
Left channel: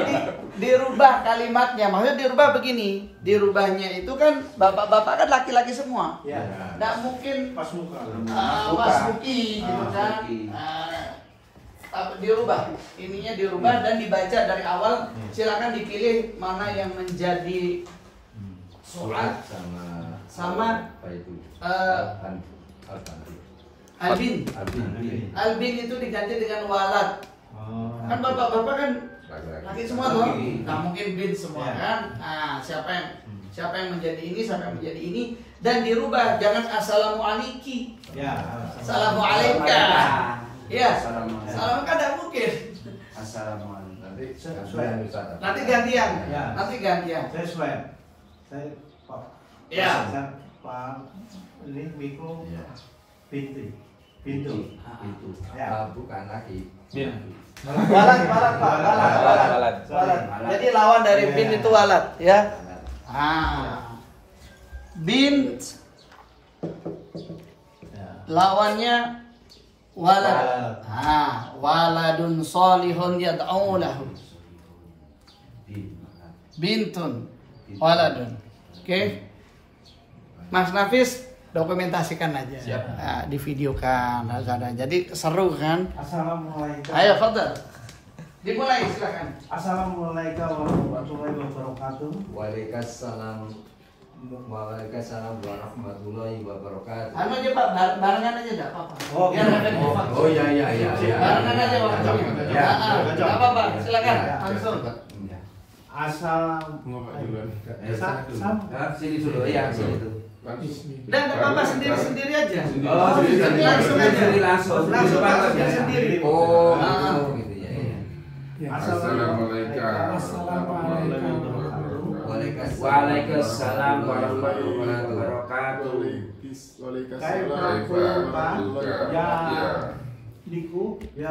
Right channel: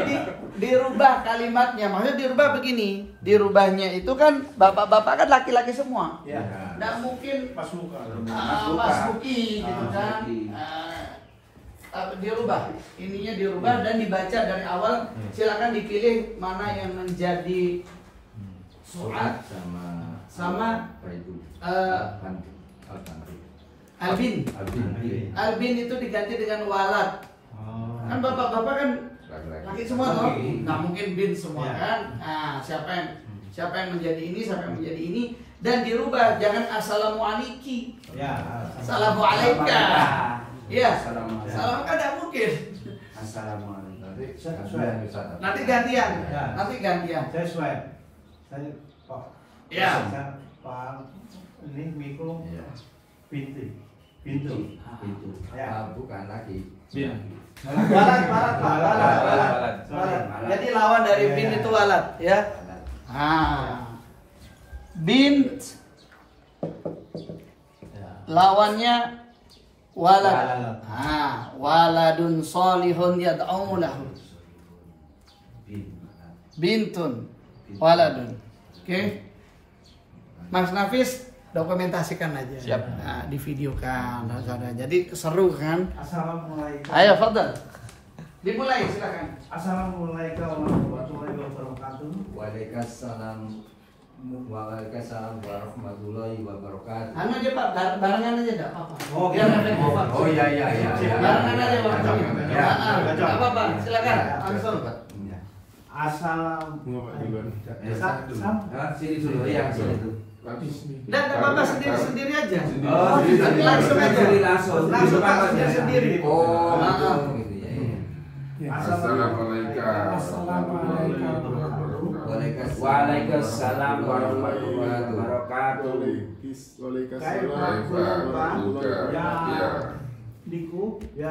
dirubah kalimatnya. Maksudnya dirubah begini. Dirubahnya itu kan bapak-bapak kan laki-laki semua. Ya. Nggak mungkin Mas Muka. Mas Muki gitu kan. Dirubah. Ininya dirubah dan dibaca dari awal. Silakan dipilih mana yang menjadi surat sama Albin itu diganti dengan walad. Kan bapak-bapak kan laki semua loh. Nggak mungkin bin semua kan. Siapa yang menjadi ini, siapa yang menjadi ini, dan dirubah, jangan assalamualaikum. Ya. Assalamualaikum. Iya. Salam kan tidak mungkin. Nanti gantian. Saya swear. Saya Pak. Ya. Pak ini Miko pintu. Ya. Bukan lagi. Walad. Jadi lawan dari bin itu walad, ya. Bint lawannya walad. Waladun solihun yad'u lahu. Bintun waladun. Oke. Mas Nafis dokumentasikan aja. Siap. Divideokan. Jadi seru kan? Assalamualaikum. Ayo, fadhal. Dimulai silakan. Assalamualaikum warahmatullahi wabarakatuh. Waalaikumsalam warahmatullahi wabarakatuh. Anu aja Pak, barengan aja enggak apa-apa. Oh, Ya, gitu. enggak apa-apa. Oh iya. Barengan aja Pak. Ya. Enggak apa-apa, silakan. Langsung. Sini dulu ya, sini dulu. Enggak apa-apa, sendiri-sendiri aja. Oh, langsung aja. Langsung Pak, sendiri. Oh, gitu ya. Waalaikumsalam warahmatullahi wabarakatuh. Diku ya.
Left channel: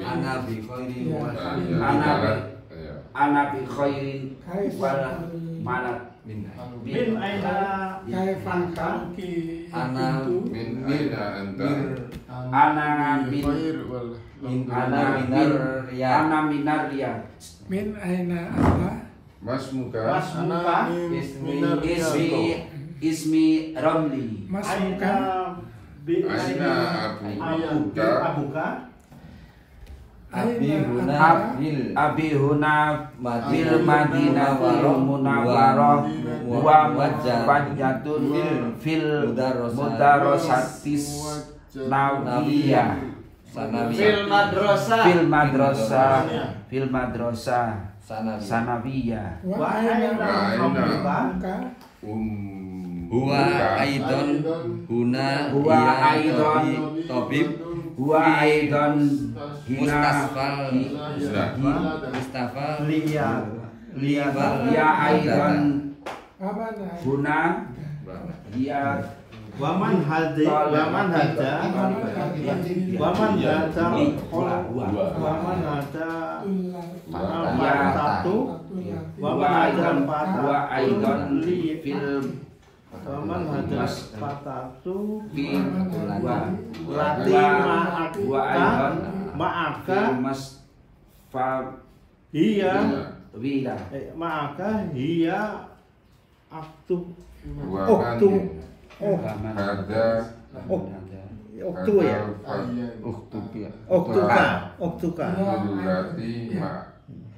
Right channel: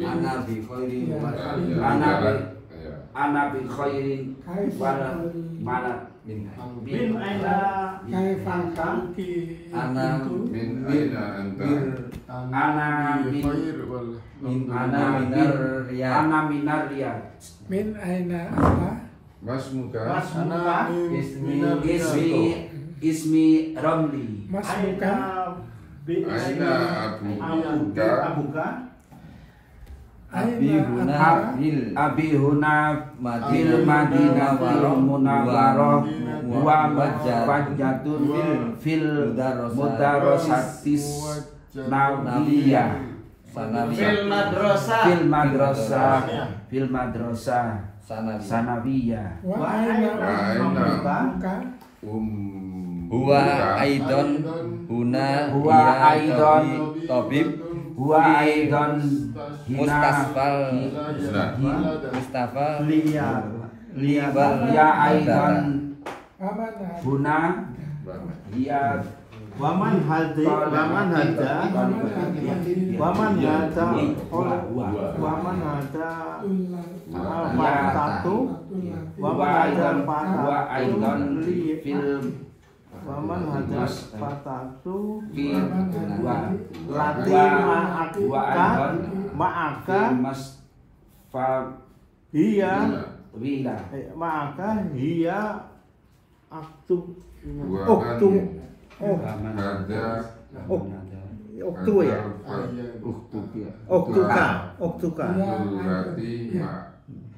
Ana bi khairi wa Ana bi khairin wala malak Min aina Kaifaka Ana Min aina anta? ana bin ana minar riyad. min aina apa? Mas muka? Muka. Ismi Ramli. Mas muka Aina abuka? Abi huna fil madinatil munawwarah wa mujajatun fil mudarasatis nawiyah Fil madrasah. fil madrasah sanawiyah. Wa aina Wa muka Huwa aidon huna Huwa iya aidon tabib Huwa aidon Mustafal Hiya aidon huna hiya Waman hadi waman hada waman hada waman hada satu wa aidon fil waman hada patatu fil lati wa aidon ma'aka mas fa hiya wila ma'aka hiya aktu Waktu ada oktu ya oktuka Berarti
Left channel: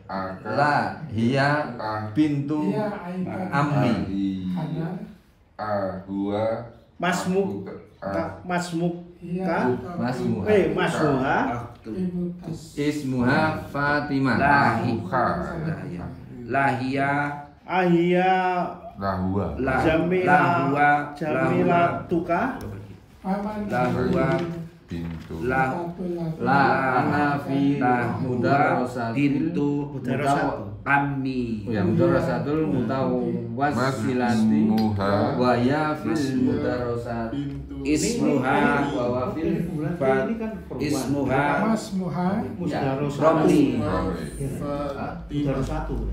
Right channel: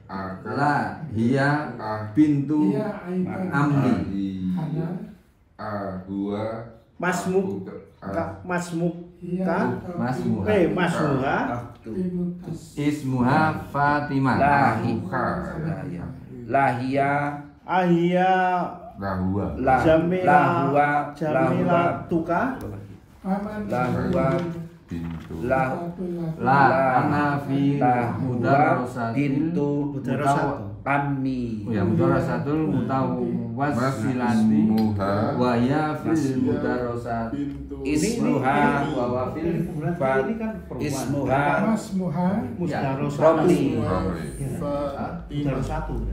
akan La hiya pintu amli Ahua masmuka masmuka ismuha Fatimah lahia ahia Rahua jamila tuka lahua Pintu La ana fi pintu kami mudarasatul mutawassilati Masmuha wa ya fil mudarasat ismuha ismuha masmuha Romli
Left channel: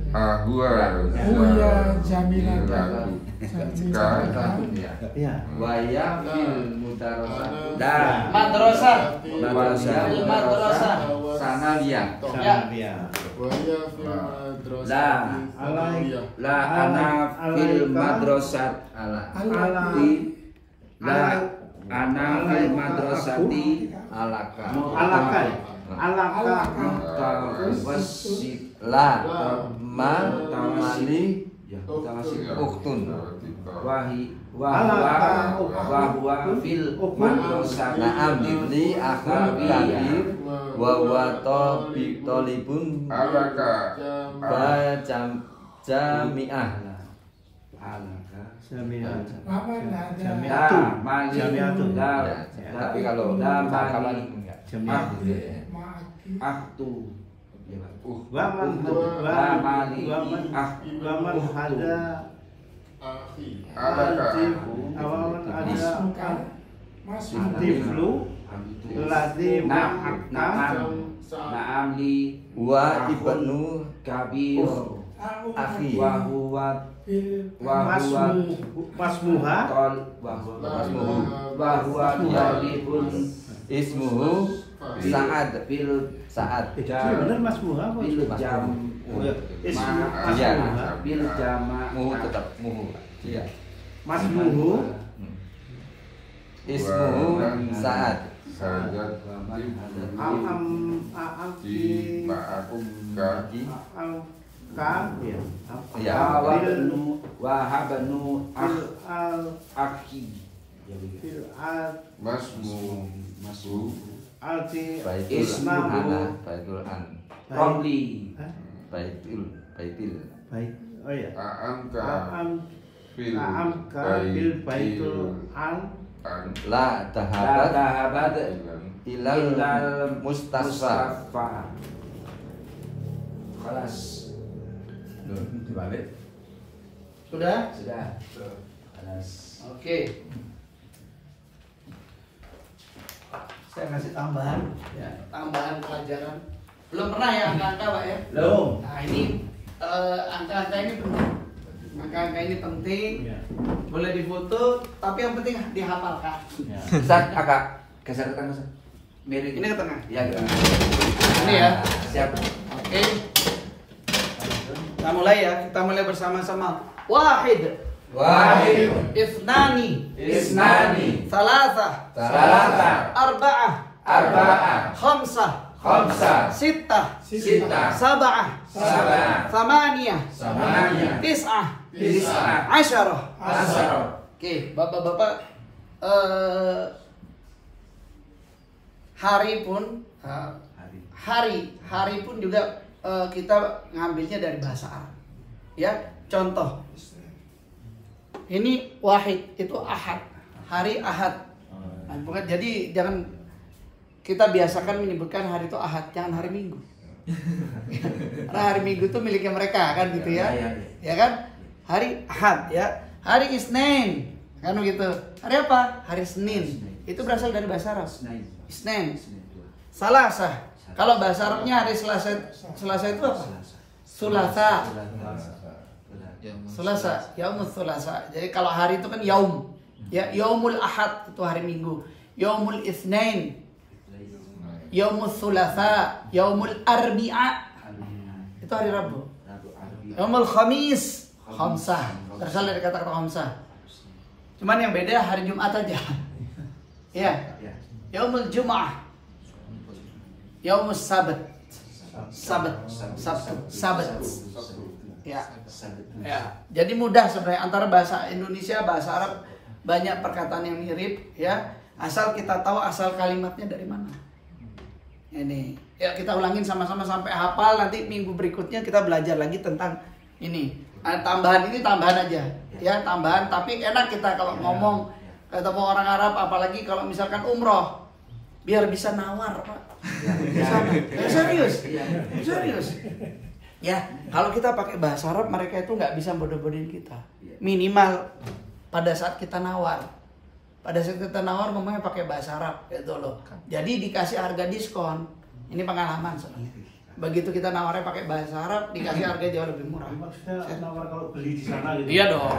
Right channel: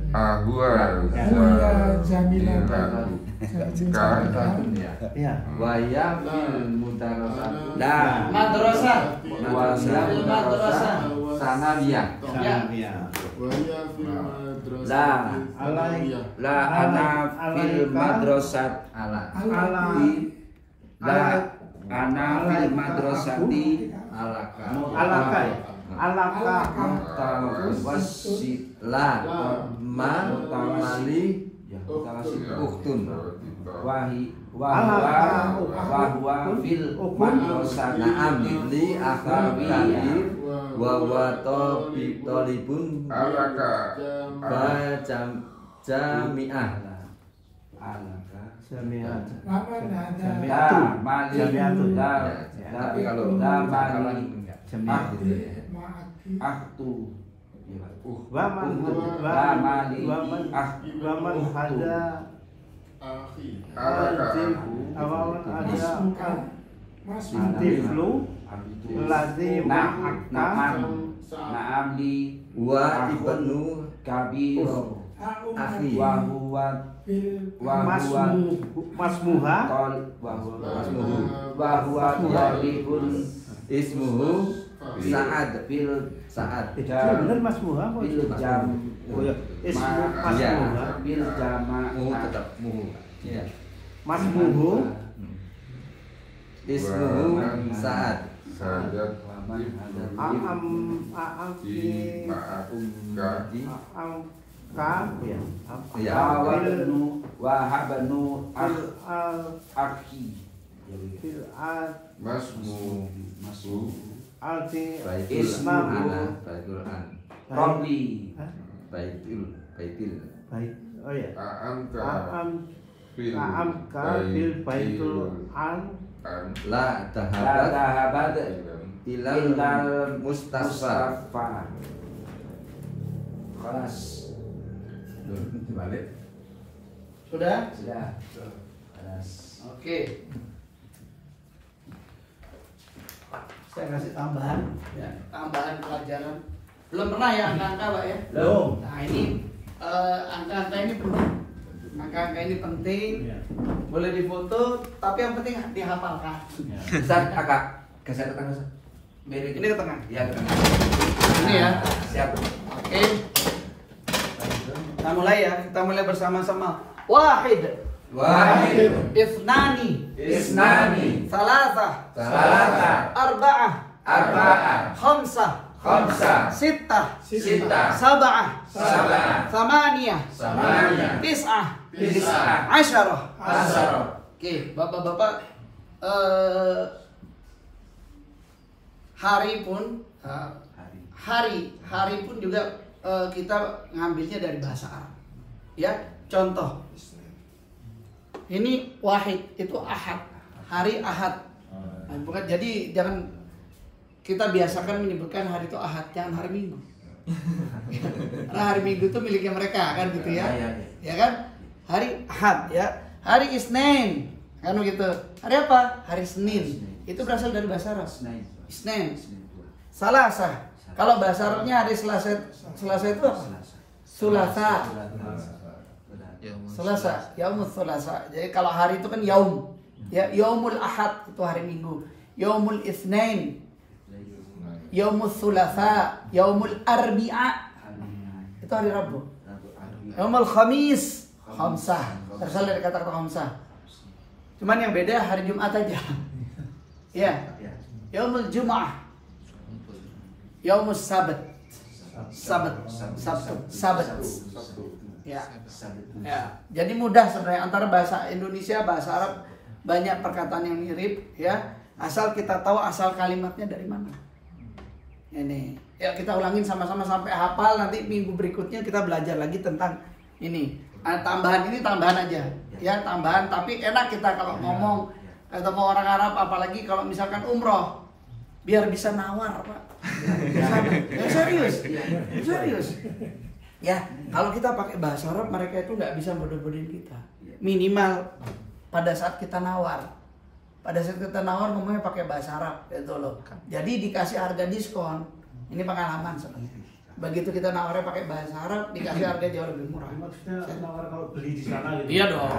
Ahua Uya jamilatan wa ya fil mudarasat dah Madrasah. madrasah sanawiyah la ana fil madrasat ala la ana fil madrasati alaka mutawasit la ma mali uktun wahwa fil madrasati na'am li akhar kabir wa huwa talibun Alaka jami'ah tapi kalau aktu waman hada Alaka waman ada tiflu ladzi ma'aka na'am li wa ibnu kabir akhi wa huwa masmuha wa huwa talibun ismuhu Sa'ad benar masmuha bil jam ismu Iya. masmuha bil jama muhu tetap muhu iya masmuhu ismuhu Sa'ad Sajat amki Di ma'akumka ya wahabnu al akhi fil al Masmu alti baitul ismahu ana baitul an Romli baitil baik oh ya A'amka fil baitul an la tahabat ilal mustasfa kelas dibalik Sudah? kelas Oke. Saya kasih tambahan, ya, tambahan pelajaran. Belum pernah ya angka-angka, Pak ya? Belum. Nah ini angka-angka ini penting. Angka-angka ini penting. Ya. Boleh difoto, tapi yang penting dihafalkan. Ustaz agak geser ke tengah. Ini ke tengah. Iya. Ini ya. Siap. Oke. Kita mulai ya. Kita mulai bersama-sama. Wahid. Ithnani. Thalatha. Arba'ah. Khamsah. Sittah. Sab'ah. Thamaniyah. Tis'ah. Asyarah. Oke, Bapak-bapak, hari pun juga kita ngambilnya dari bahasa Arab. Ya, contoh. Ini wahid, itu ahad. Hari ahad. Nah, bukan, jadi jangan kita biasakan menyebutkan hari itu ahad, jangan hari Minggu. Karena hari Minggu itu miliknya mereka kan gitu ya. Ya kan? Hari ahad ya. Hari Isnin. Kan begitu. Hari apa? Hari Senin. Itu berasal dari bahasa Arab. Isnin. Salasa. Kalau bahasa Arabnya hari Selasa itu apa? Sulasa. Selasa, yaumul Selasa. Jadi kalau hari itu kan yaum. Ya, yaumul Ahad itu hari Minggu. Yaumul Itsnain. Yaumul Thulatha, yaumul Arbi'a. Itu hari Rabu. Yaumul Khamis, khamsah. Berasal dari kata-kata khamsah. Cuman yang beda hari Jumat aja. Ya. Yaumul Jum'ah. Yaumul Sabat. Sabat. Ya. Ya. Jadi mudah sebenarnya antara bahasa Indonesia, bahasa Arab banyak perkataan yang mirip ya. Asal kita tahu asal kalimatnya dari mana. Ini. Ya kita ulangin sama-sama sampai hafal, nanti minggu berikutnya kita belajar lagi tentang ini. Nah, tambahan ini tambahan aja. Ya, tambahan tapi enak kita kalau ngomong ketemu orang Arab, apalagi kalau misalkan umroh. Biar bisa nawar, Pak. Serius. Ya, kalau kita pakai bahasa Arab, mereka itu nggak bisa bodoh-bodohin kita. Minimal pada saat kita nawar. Pada saat kita nawar ngomongnya pakai bahasa Arab, gitu loh. Jadi dikasih harga diskon. Ini pengalaman sebenarnya. Begitu kita nawarnya pakai bahasa Arab, dikasih harga jauh lebih murah. Maksudnya nawar kalau beli di sana gitu. Iya dong.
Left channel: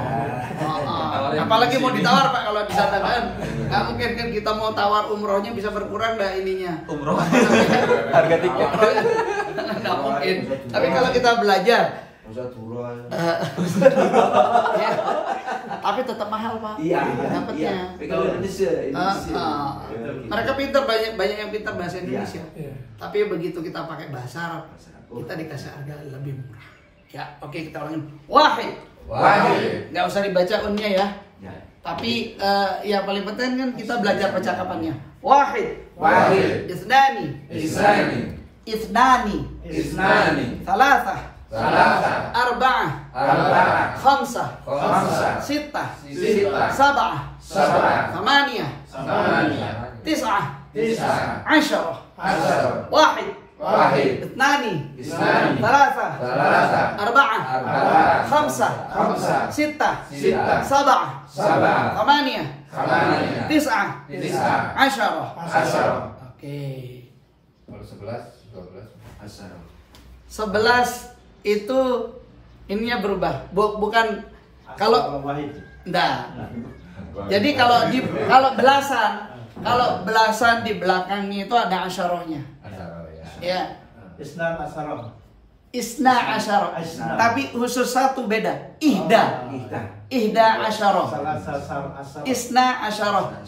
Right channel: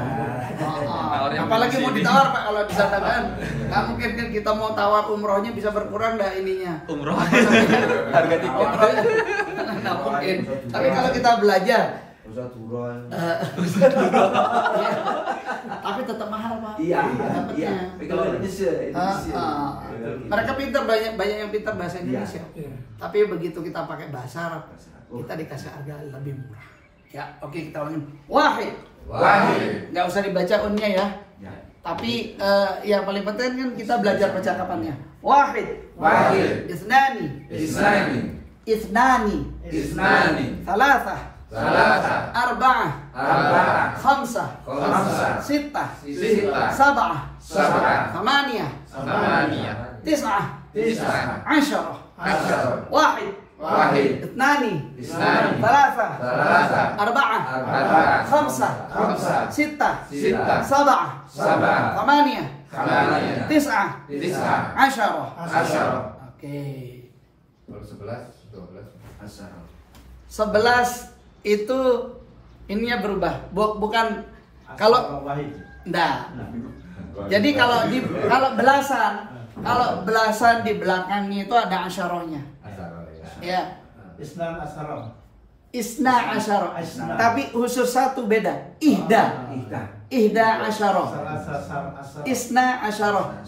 Apalagi mau ditawar Pak kalau di sana kan. Nggak mungkin kan kita mau tawar umrohnya bisa berkurang dah ininya. Umroh. Harga tiket. Umrohnya nggak mungkin. Tapi kalau kita belajar, ya, tapi tetap mahal Pak. Iya. Dapatnya. Tapi kalau Indonesia. Mereka pintar, banyak yang pintar bahasa Indonesia. Tapi begitu kita pakai bahasa Arab, kita dikasih harga lebih murah. Ya, oke kita ulangin. Wahid. Nggak usah dibaca unnya ya. Tapi yang paling penting kan kita belajar percakapannya. Wahid. Isnani. Salasah. Arba'ah. Khamsah. Sittah. Sab'ah. Thamaniyah. Tis'ah. Asyarah. Wahid. Ithnani. Thalatha. Arba'ah. Khamsah. Sittah. Sab'ah. Thamaniyah. Tis'ah. Asyarah. Oke. 11 itu ininya berubah. Bukan kalau enggak. Jadi kalau belasan di belakangnya itu ada asyarahnya. Ya. Isna asyarah. Tapi khusus satu beda. Ihda asyarah. Isna asyarah.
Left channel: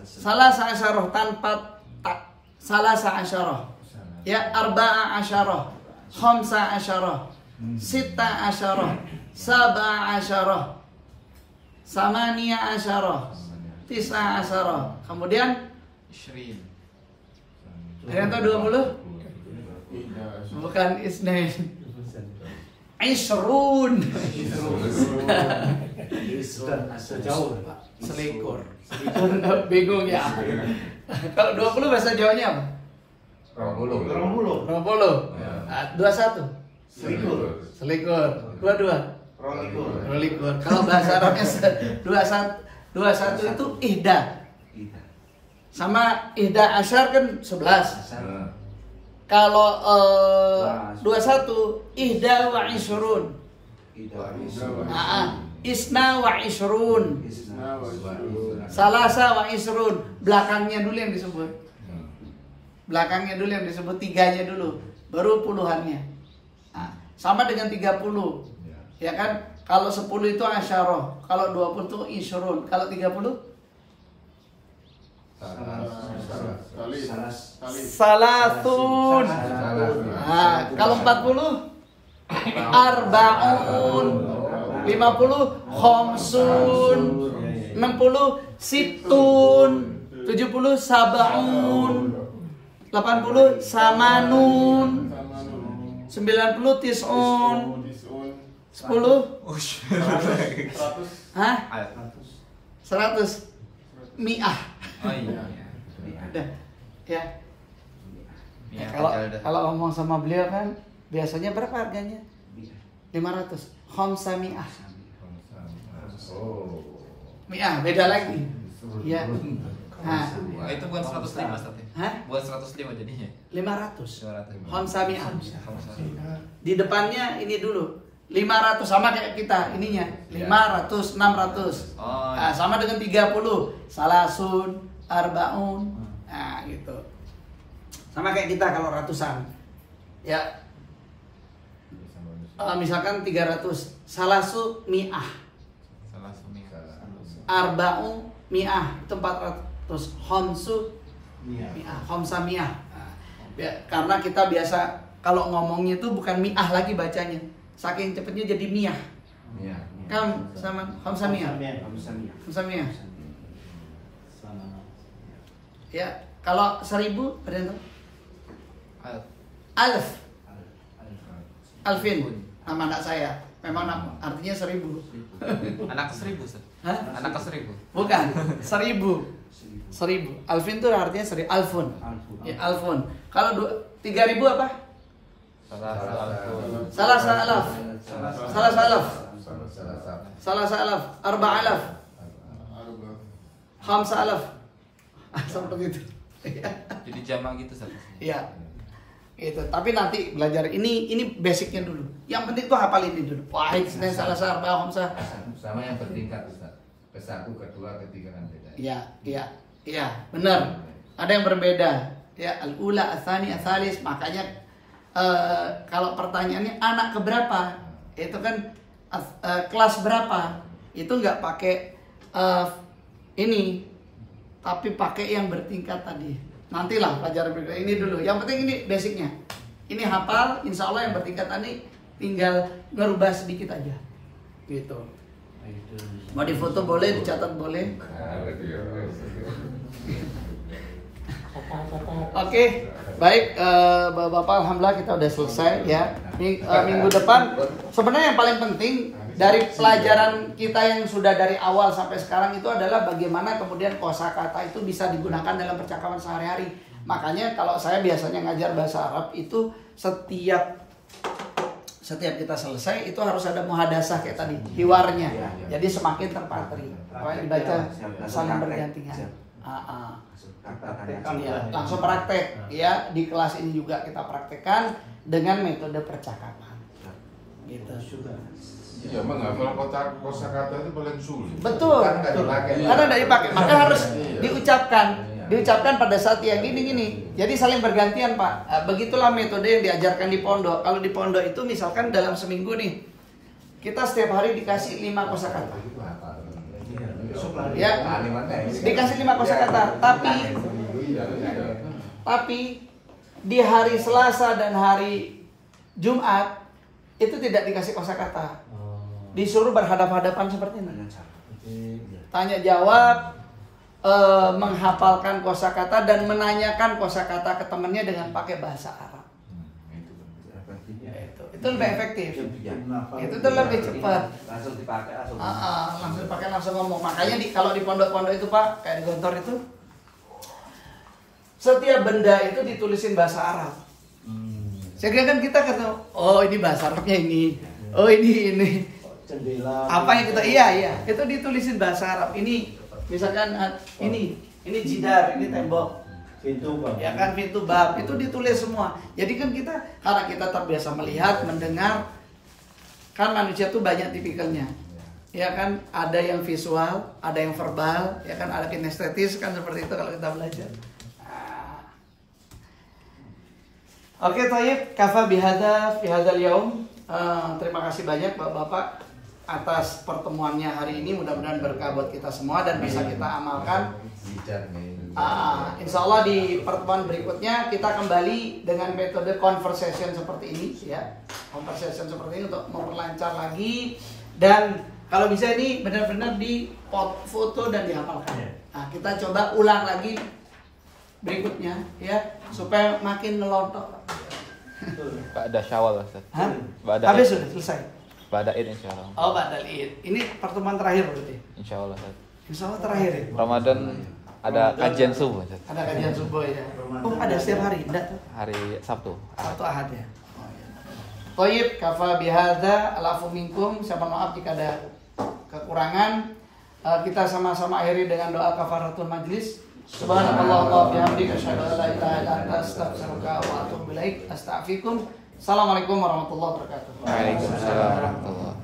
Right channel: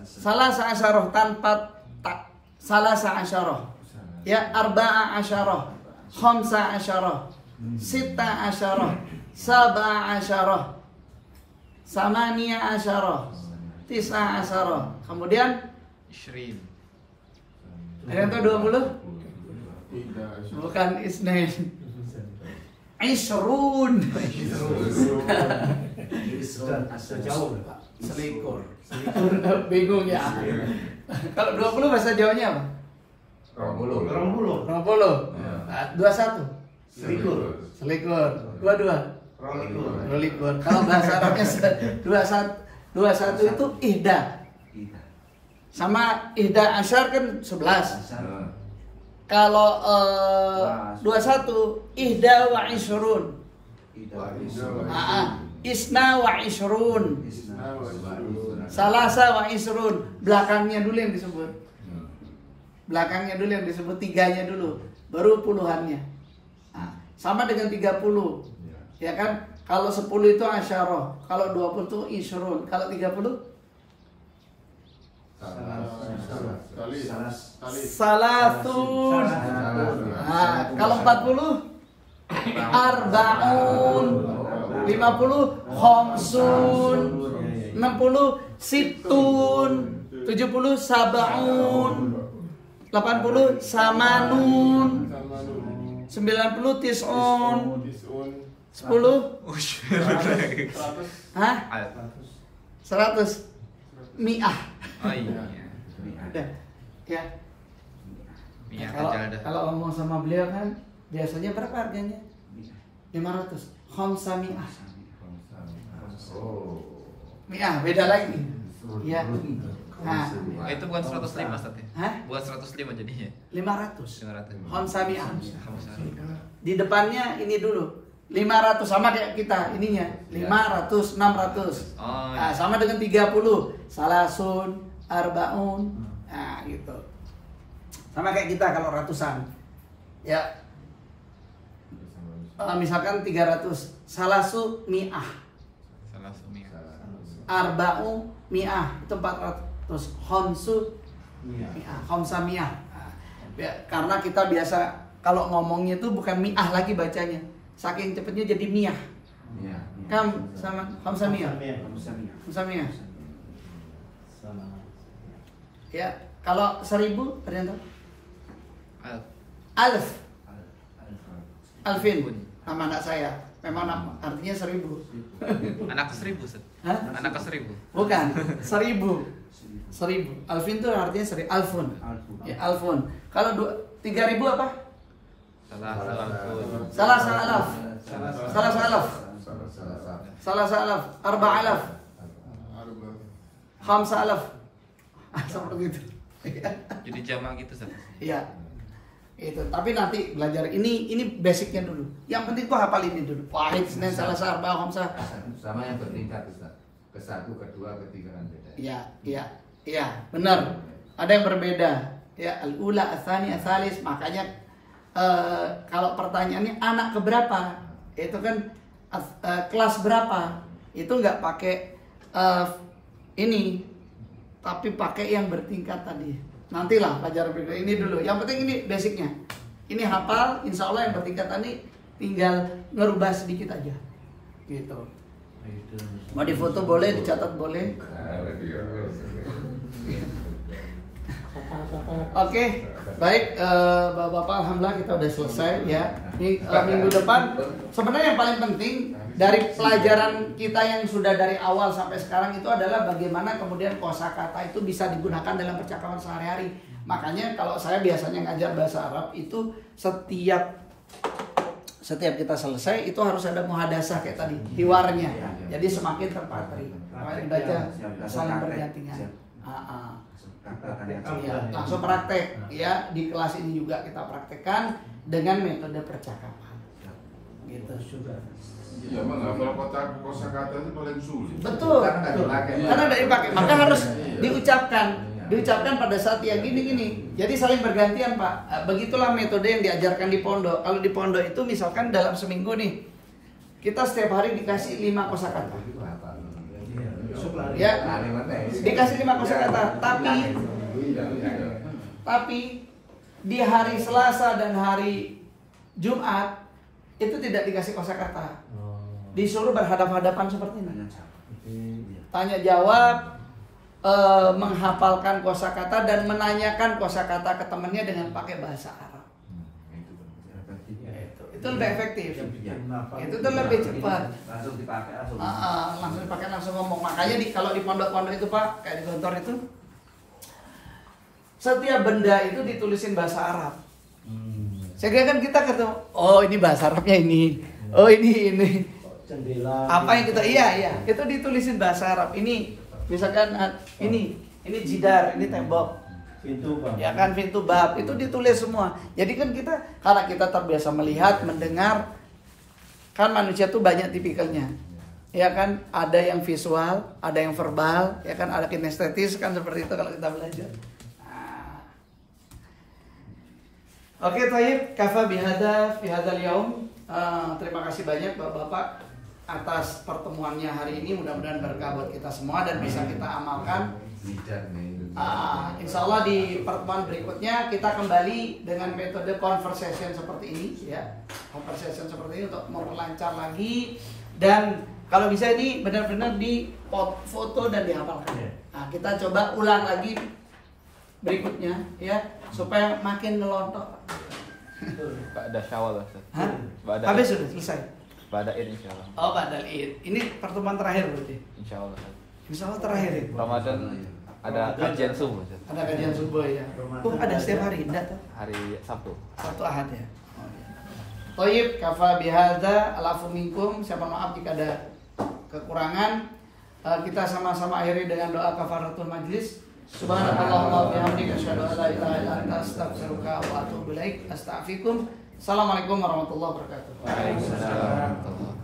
Salasa asyarah tanpa tak. Salasa asyarah. Ya, arba'a asyarah. Khamsa asyarah. Sitta asyarah. Sab'a asyarah. Samaniya asyarah. Tis'a asyarah. Kemudian Ishrin. ada yang tahu 20? Bukan isnain. Isrun. Selikur. Bingung ya. Kalau 20 bahasa Jawanya apa? 20. 20. Nah, 21. Selikur. 22. Rolikur. Kalau bahasa Arabnya 21 itu ihda. Sama ihda asyar kan 11. Kalau 21 ihda wa isrun. Isna wa isrun. Salasa wa isrun. Belakangnya dulu yang disebut. Tiganya dulu. Baru puluhannya. Nah, sama dengan 30. Ya kan? Kalau 10 itu asyarah. Kalau 20 itu isrun. Kalau 30? Salasun. Nah, kalau 40? Arba'un. 50? Khamsun. 60? Situn. 70? Sab'un. 80 samanun. 90 tisun. 10. Hah? 100. Mi'ah. Oh iya. Udah. Ya. Iya, Kalau ngomong sama beliau kan biasanya berapa harganya? 500. Khamsa mi'ah. Mi'ah beda lagi. Ya. Nah, itu bukan 105 Ustaz ya? hah? Bukan 105 jadinya. 500. 500. Khamsa mi'ah. Di depannya ini dulu. 500 sama kayak kita ininya. 500, 600. Oh, Nah, sama dengan 30. Salasun, arbaun. Nah, gitu. Sama kayak kita kalau ratusan. Ya. Misalkan 300. Salasu mi'ah. Salah sumi. Arba'u mi'ah. Itu 400. Khamsu mi'ah. Khamsa mi'ah. Nah, karena kita biasa kalau ngomongnya itu bukan mi'ah lagi bacanya. Saking cepatnya jadi mi'ah. Kam sama khamsa mi'ah. Khamsa mi'ah. Ya, kalau 1000 ada yang tahu? Alf. Alvin. Nama anak saya. Memang artinya 1000. Anak ke 1000 Ustaz. Hah? Anak ke 1000. Bukan, 1000. 1000. Alvin itu artinya 1000. Alfun. Ya, alfun. Kalau 3000 apa? Salah. Salah. Arba'alaf. Khamsa'alaf. Seperti itu. Jadi jamak gitu Ustaz. Iya. Itu. Tapi nanti belajar ini basicnya dulu. Yang penting tuh hafal ini dulu. Wahid, Senin, Salasa, Arba'ah, Khamsah. Sama yang bertingkat Ustaz. Ke-1, ke-2, ke-3 kan beda. Iya, benar. Ada yang berbeda. Ya, al-ula, ats-tsani, ats-tsalis. Makanya kalau pertanyaannya anak keberapa? Itu kan kelas berapa? Itu nggak pakai ini, tapi pakai yang bertingkat tadi. Nantilah pelajaran berikutnya. Ini dulu. Yang penting ini basicnya. Ini hafal. Insya Allah yang bertingkat tadi tinggal ngerubah sedikit aja. Gitu. Mau difoto boleh, dicatat boleh. Oke, baik Bapak-bapak, alhamdulillah kita udah selesai ya. Minggu depan sebenarnya yang paling penting dari pelajaran kita yang sudah dari awal sampai sekarang itu adalah bagaimana kemudian kosakata itu bisa digunakan dalam percakapan sehari-hari. Makanya kalau saya biasanya ngajar bahasa Arab itu setiap kita selesai itu harus ada muhadasah kayak tadi, hiwarnya. Jadi semakin terpatri. Baca saling bergantian. Ya, langsung praktek ya, di kelas ini juga kita praktekkan dengan metode percakapan gitu. Ya menghafal kosakata itu paling sulit. Betul, karena tidak dipakai, maka harus diucapkan pada saat yang gini. Jadi saling bergantian Pak. Begitulah metode yang diajarkan di pondok. Kalau di pondok itu misalkan dalam seminggu nih kita setiap hari dikasih 5 kosakata. Ya, dikasih 5 kosakata, tapi di hari Selasa dan hari Jumat itu tidak dikasih kosakata. Disuruh berhadap-hadapan seperti ini. Tanya jawab, menghafalkan kosakata dan menanyakan kosakata ke temannya dengan pakai bahasa Arab. Itu lebih efektif. Itu tuh lebih cepat. Langsung dipakai Langsung dipakai, langsung ngomong. Makanya kalau di pondok-pondok itu Pak, kayak di Gontor itu, setiap benda itu ditulisin bahasa Arab. Saya kira kan kita ketemu, oh ini bahasa Arabnya ini, oh ini. Jendela. Apa yang kita itu ditulisin bahasa Arab. Ini misalkan ini jidar, ini tembok. Pintu Pak. Ya kan, pintu bab itu ditulis semua. Jadi kan kita, karena kita terbiasa melihat, mendengar, kan manusia tuh banyak tipikalnya. Ya kan, ada yang visual, ada yang verbal, ya kan, ada kinestetis kan, seperti itu kalau kita belajar. Oke, Tayyib, kafa bihada fi hadzal yaum. Terima kasih banyak Bapak-bapak atas pertemuannya hari ini. Mudah-mudahan berkah buat kita semua dan bisa kita amalkan. Insya Allah di pertemuan berikutnya kita kembali dengan metode conversation seperti ini ya. Conversation seperti ini untuk memperlancar lagi. Dan kalau bisa ini benar-benar di foto dan dihafalkan. Nah, kita coba ulang lagi berikutnya ya supaya makin melontok. Ba'da Syawal Ustaz. Hah? Ba'da Habis sudah selesai. Ba'da Id insyaallah. Oh, Ba'dal Id. Ini pertemuan terakhir berarti. Insyaallah Ustaz. Insya Allah terakhir ya. Ramadan ada kajian subuh Ustaz. Ada kajian subuh ya. Oh, ada setiap hari enggak tuh? Hari Sabtu. Sabtu Ahad ya. Oh, ya. Thayyib, kafa bihadza alafu minkum. Saya mohon maaf jika ada kekurangan. Kita sama-sama akhiri dengan doa kafaratul majlis. Subhanallah wa bihamdika asyhadu an la ilaha illa anta astaghfiruka wa atubu ilaik. Astaghfirukum. Assalamualaikum warahmatullahi wabarakatuh. Waalaikumsalam warahmatullahi wabarakatuh.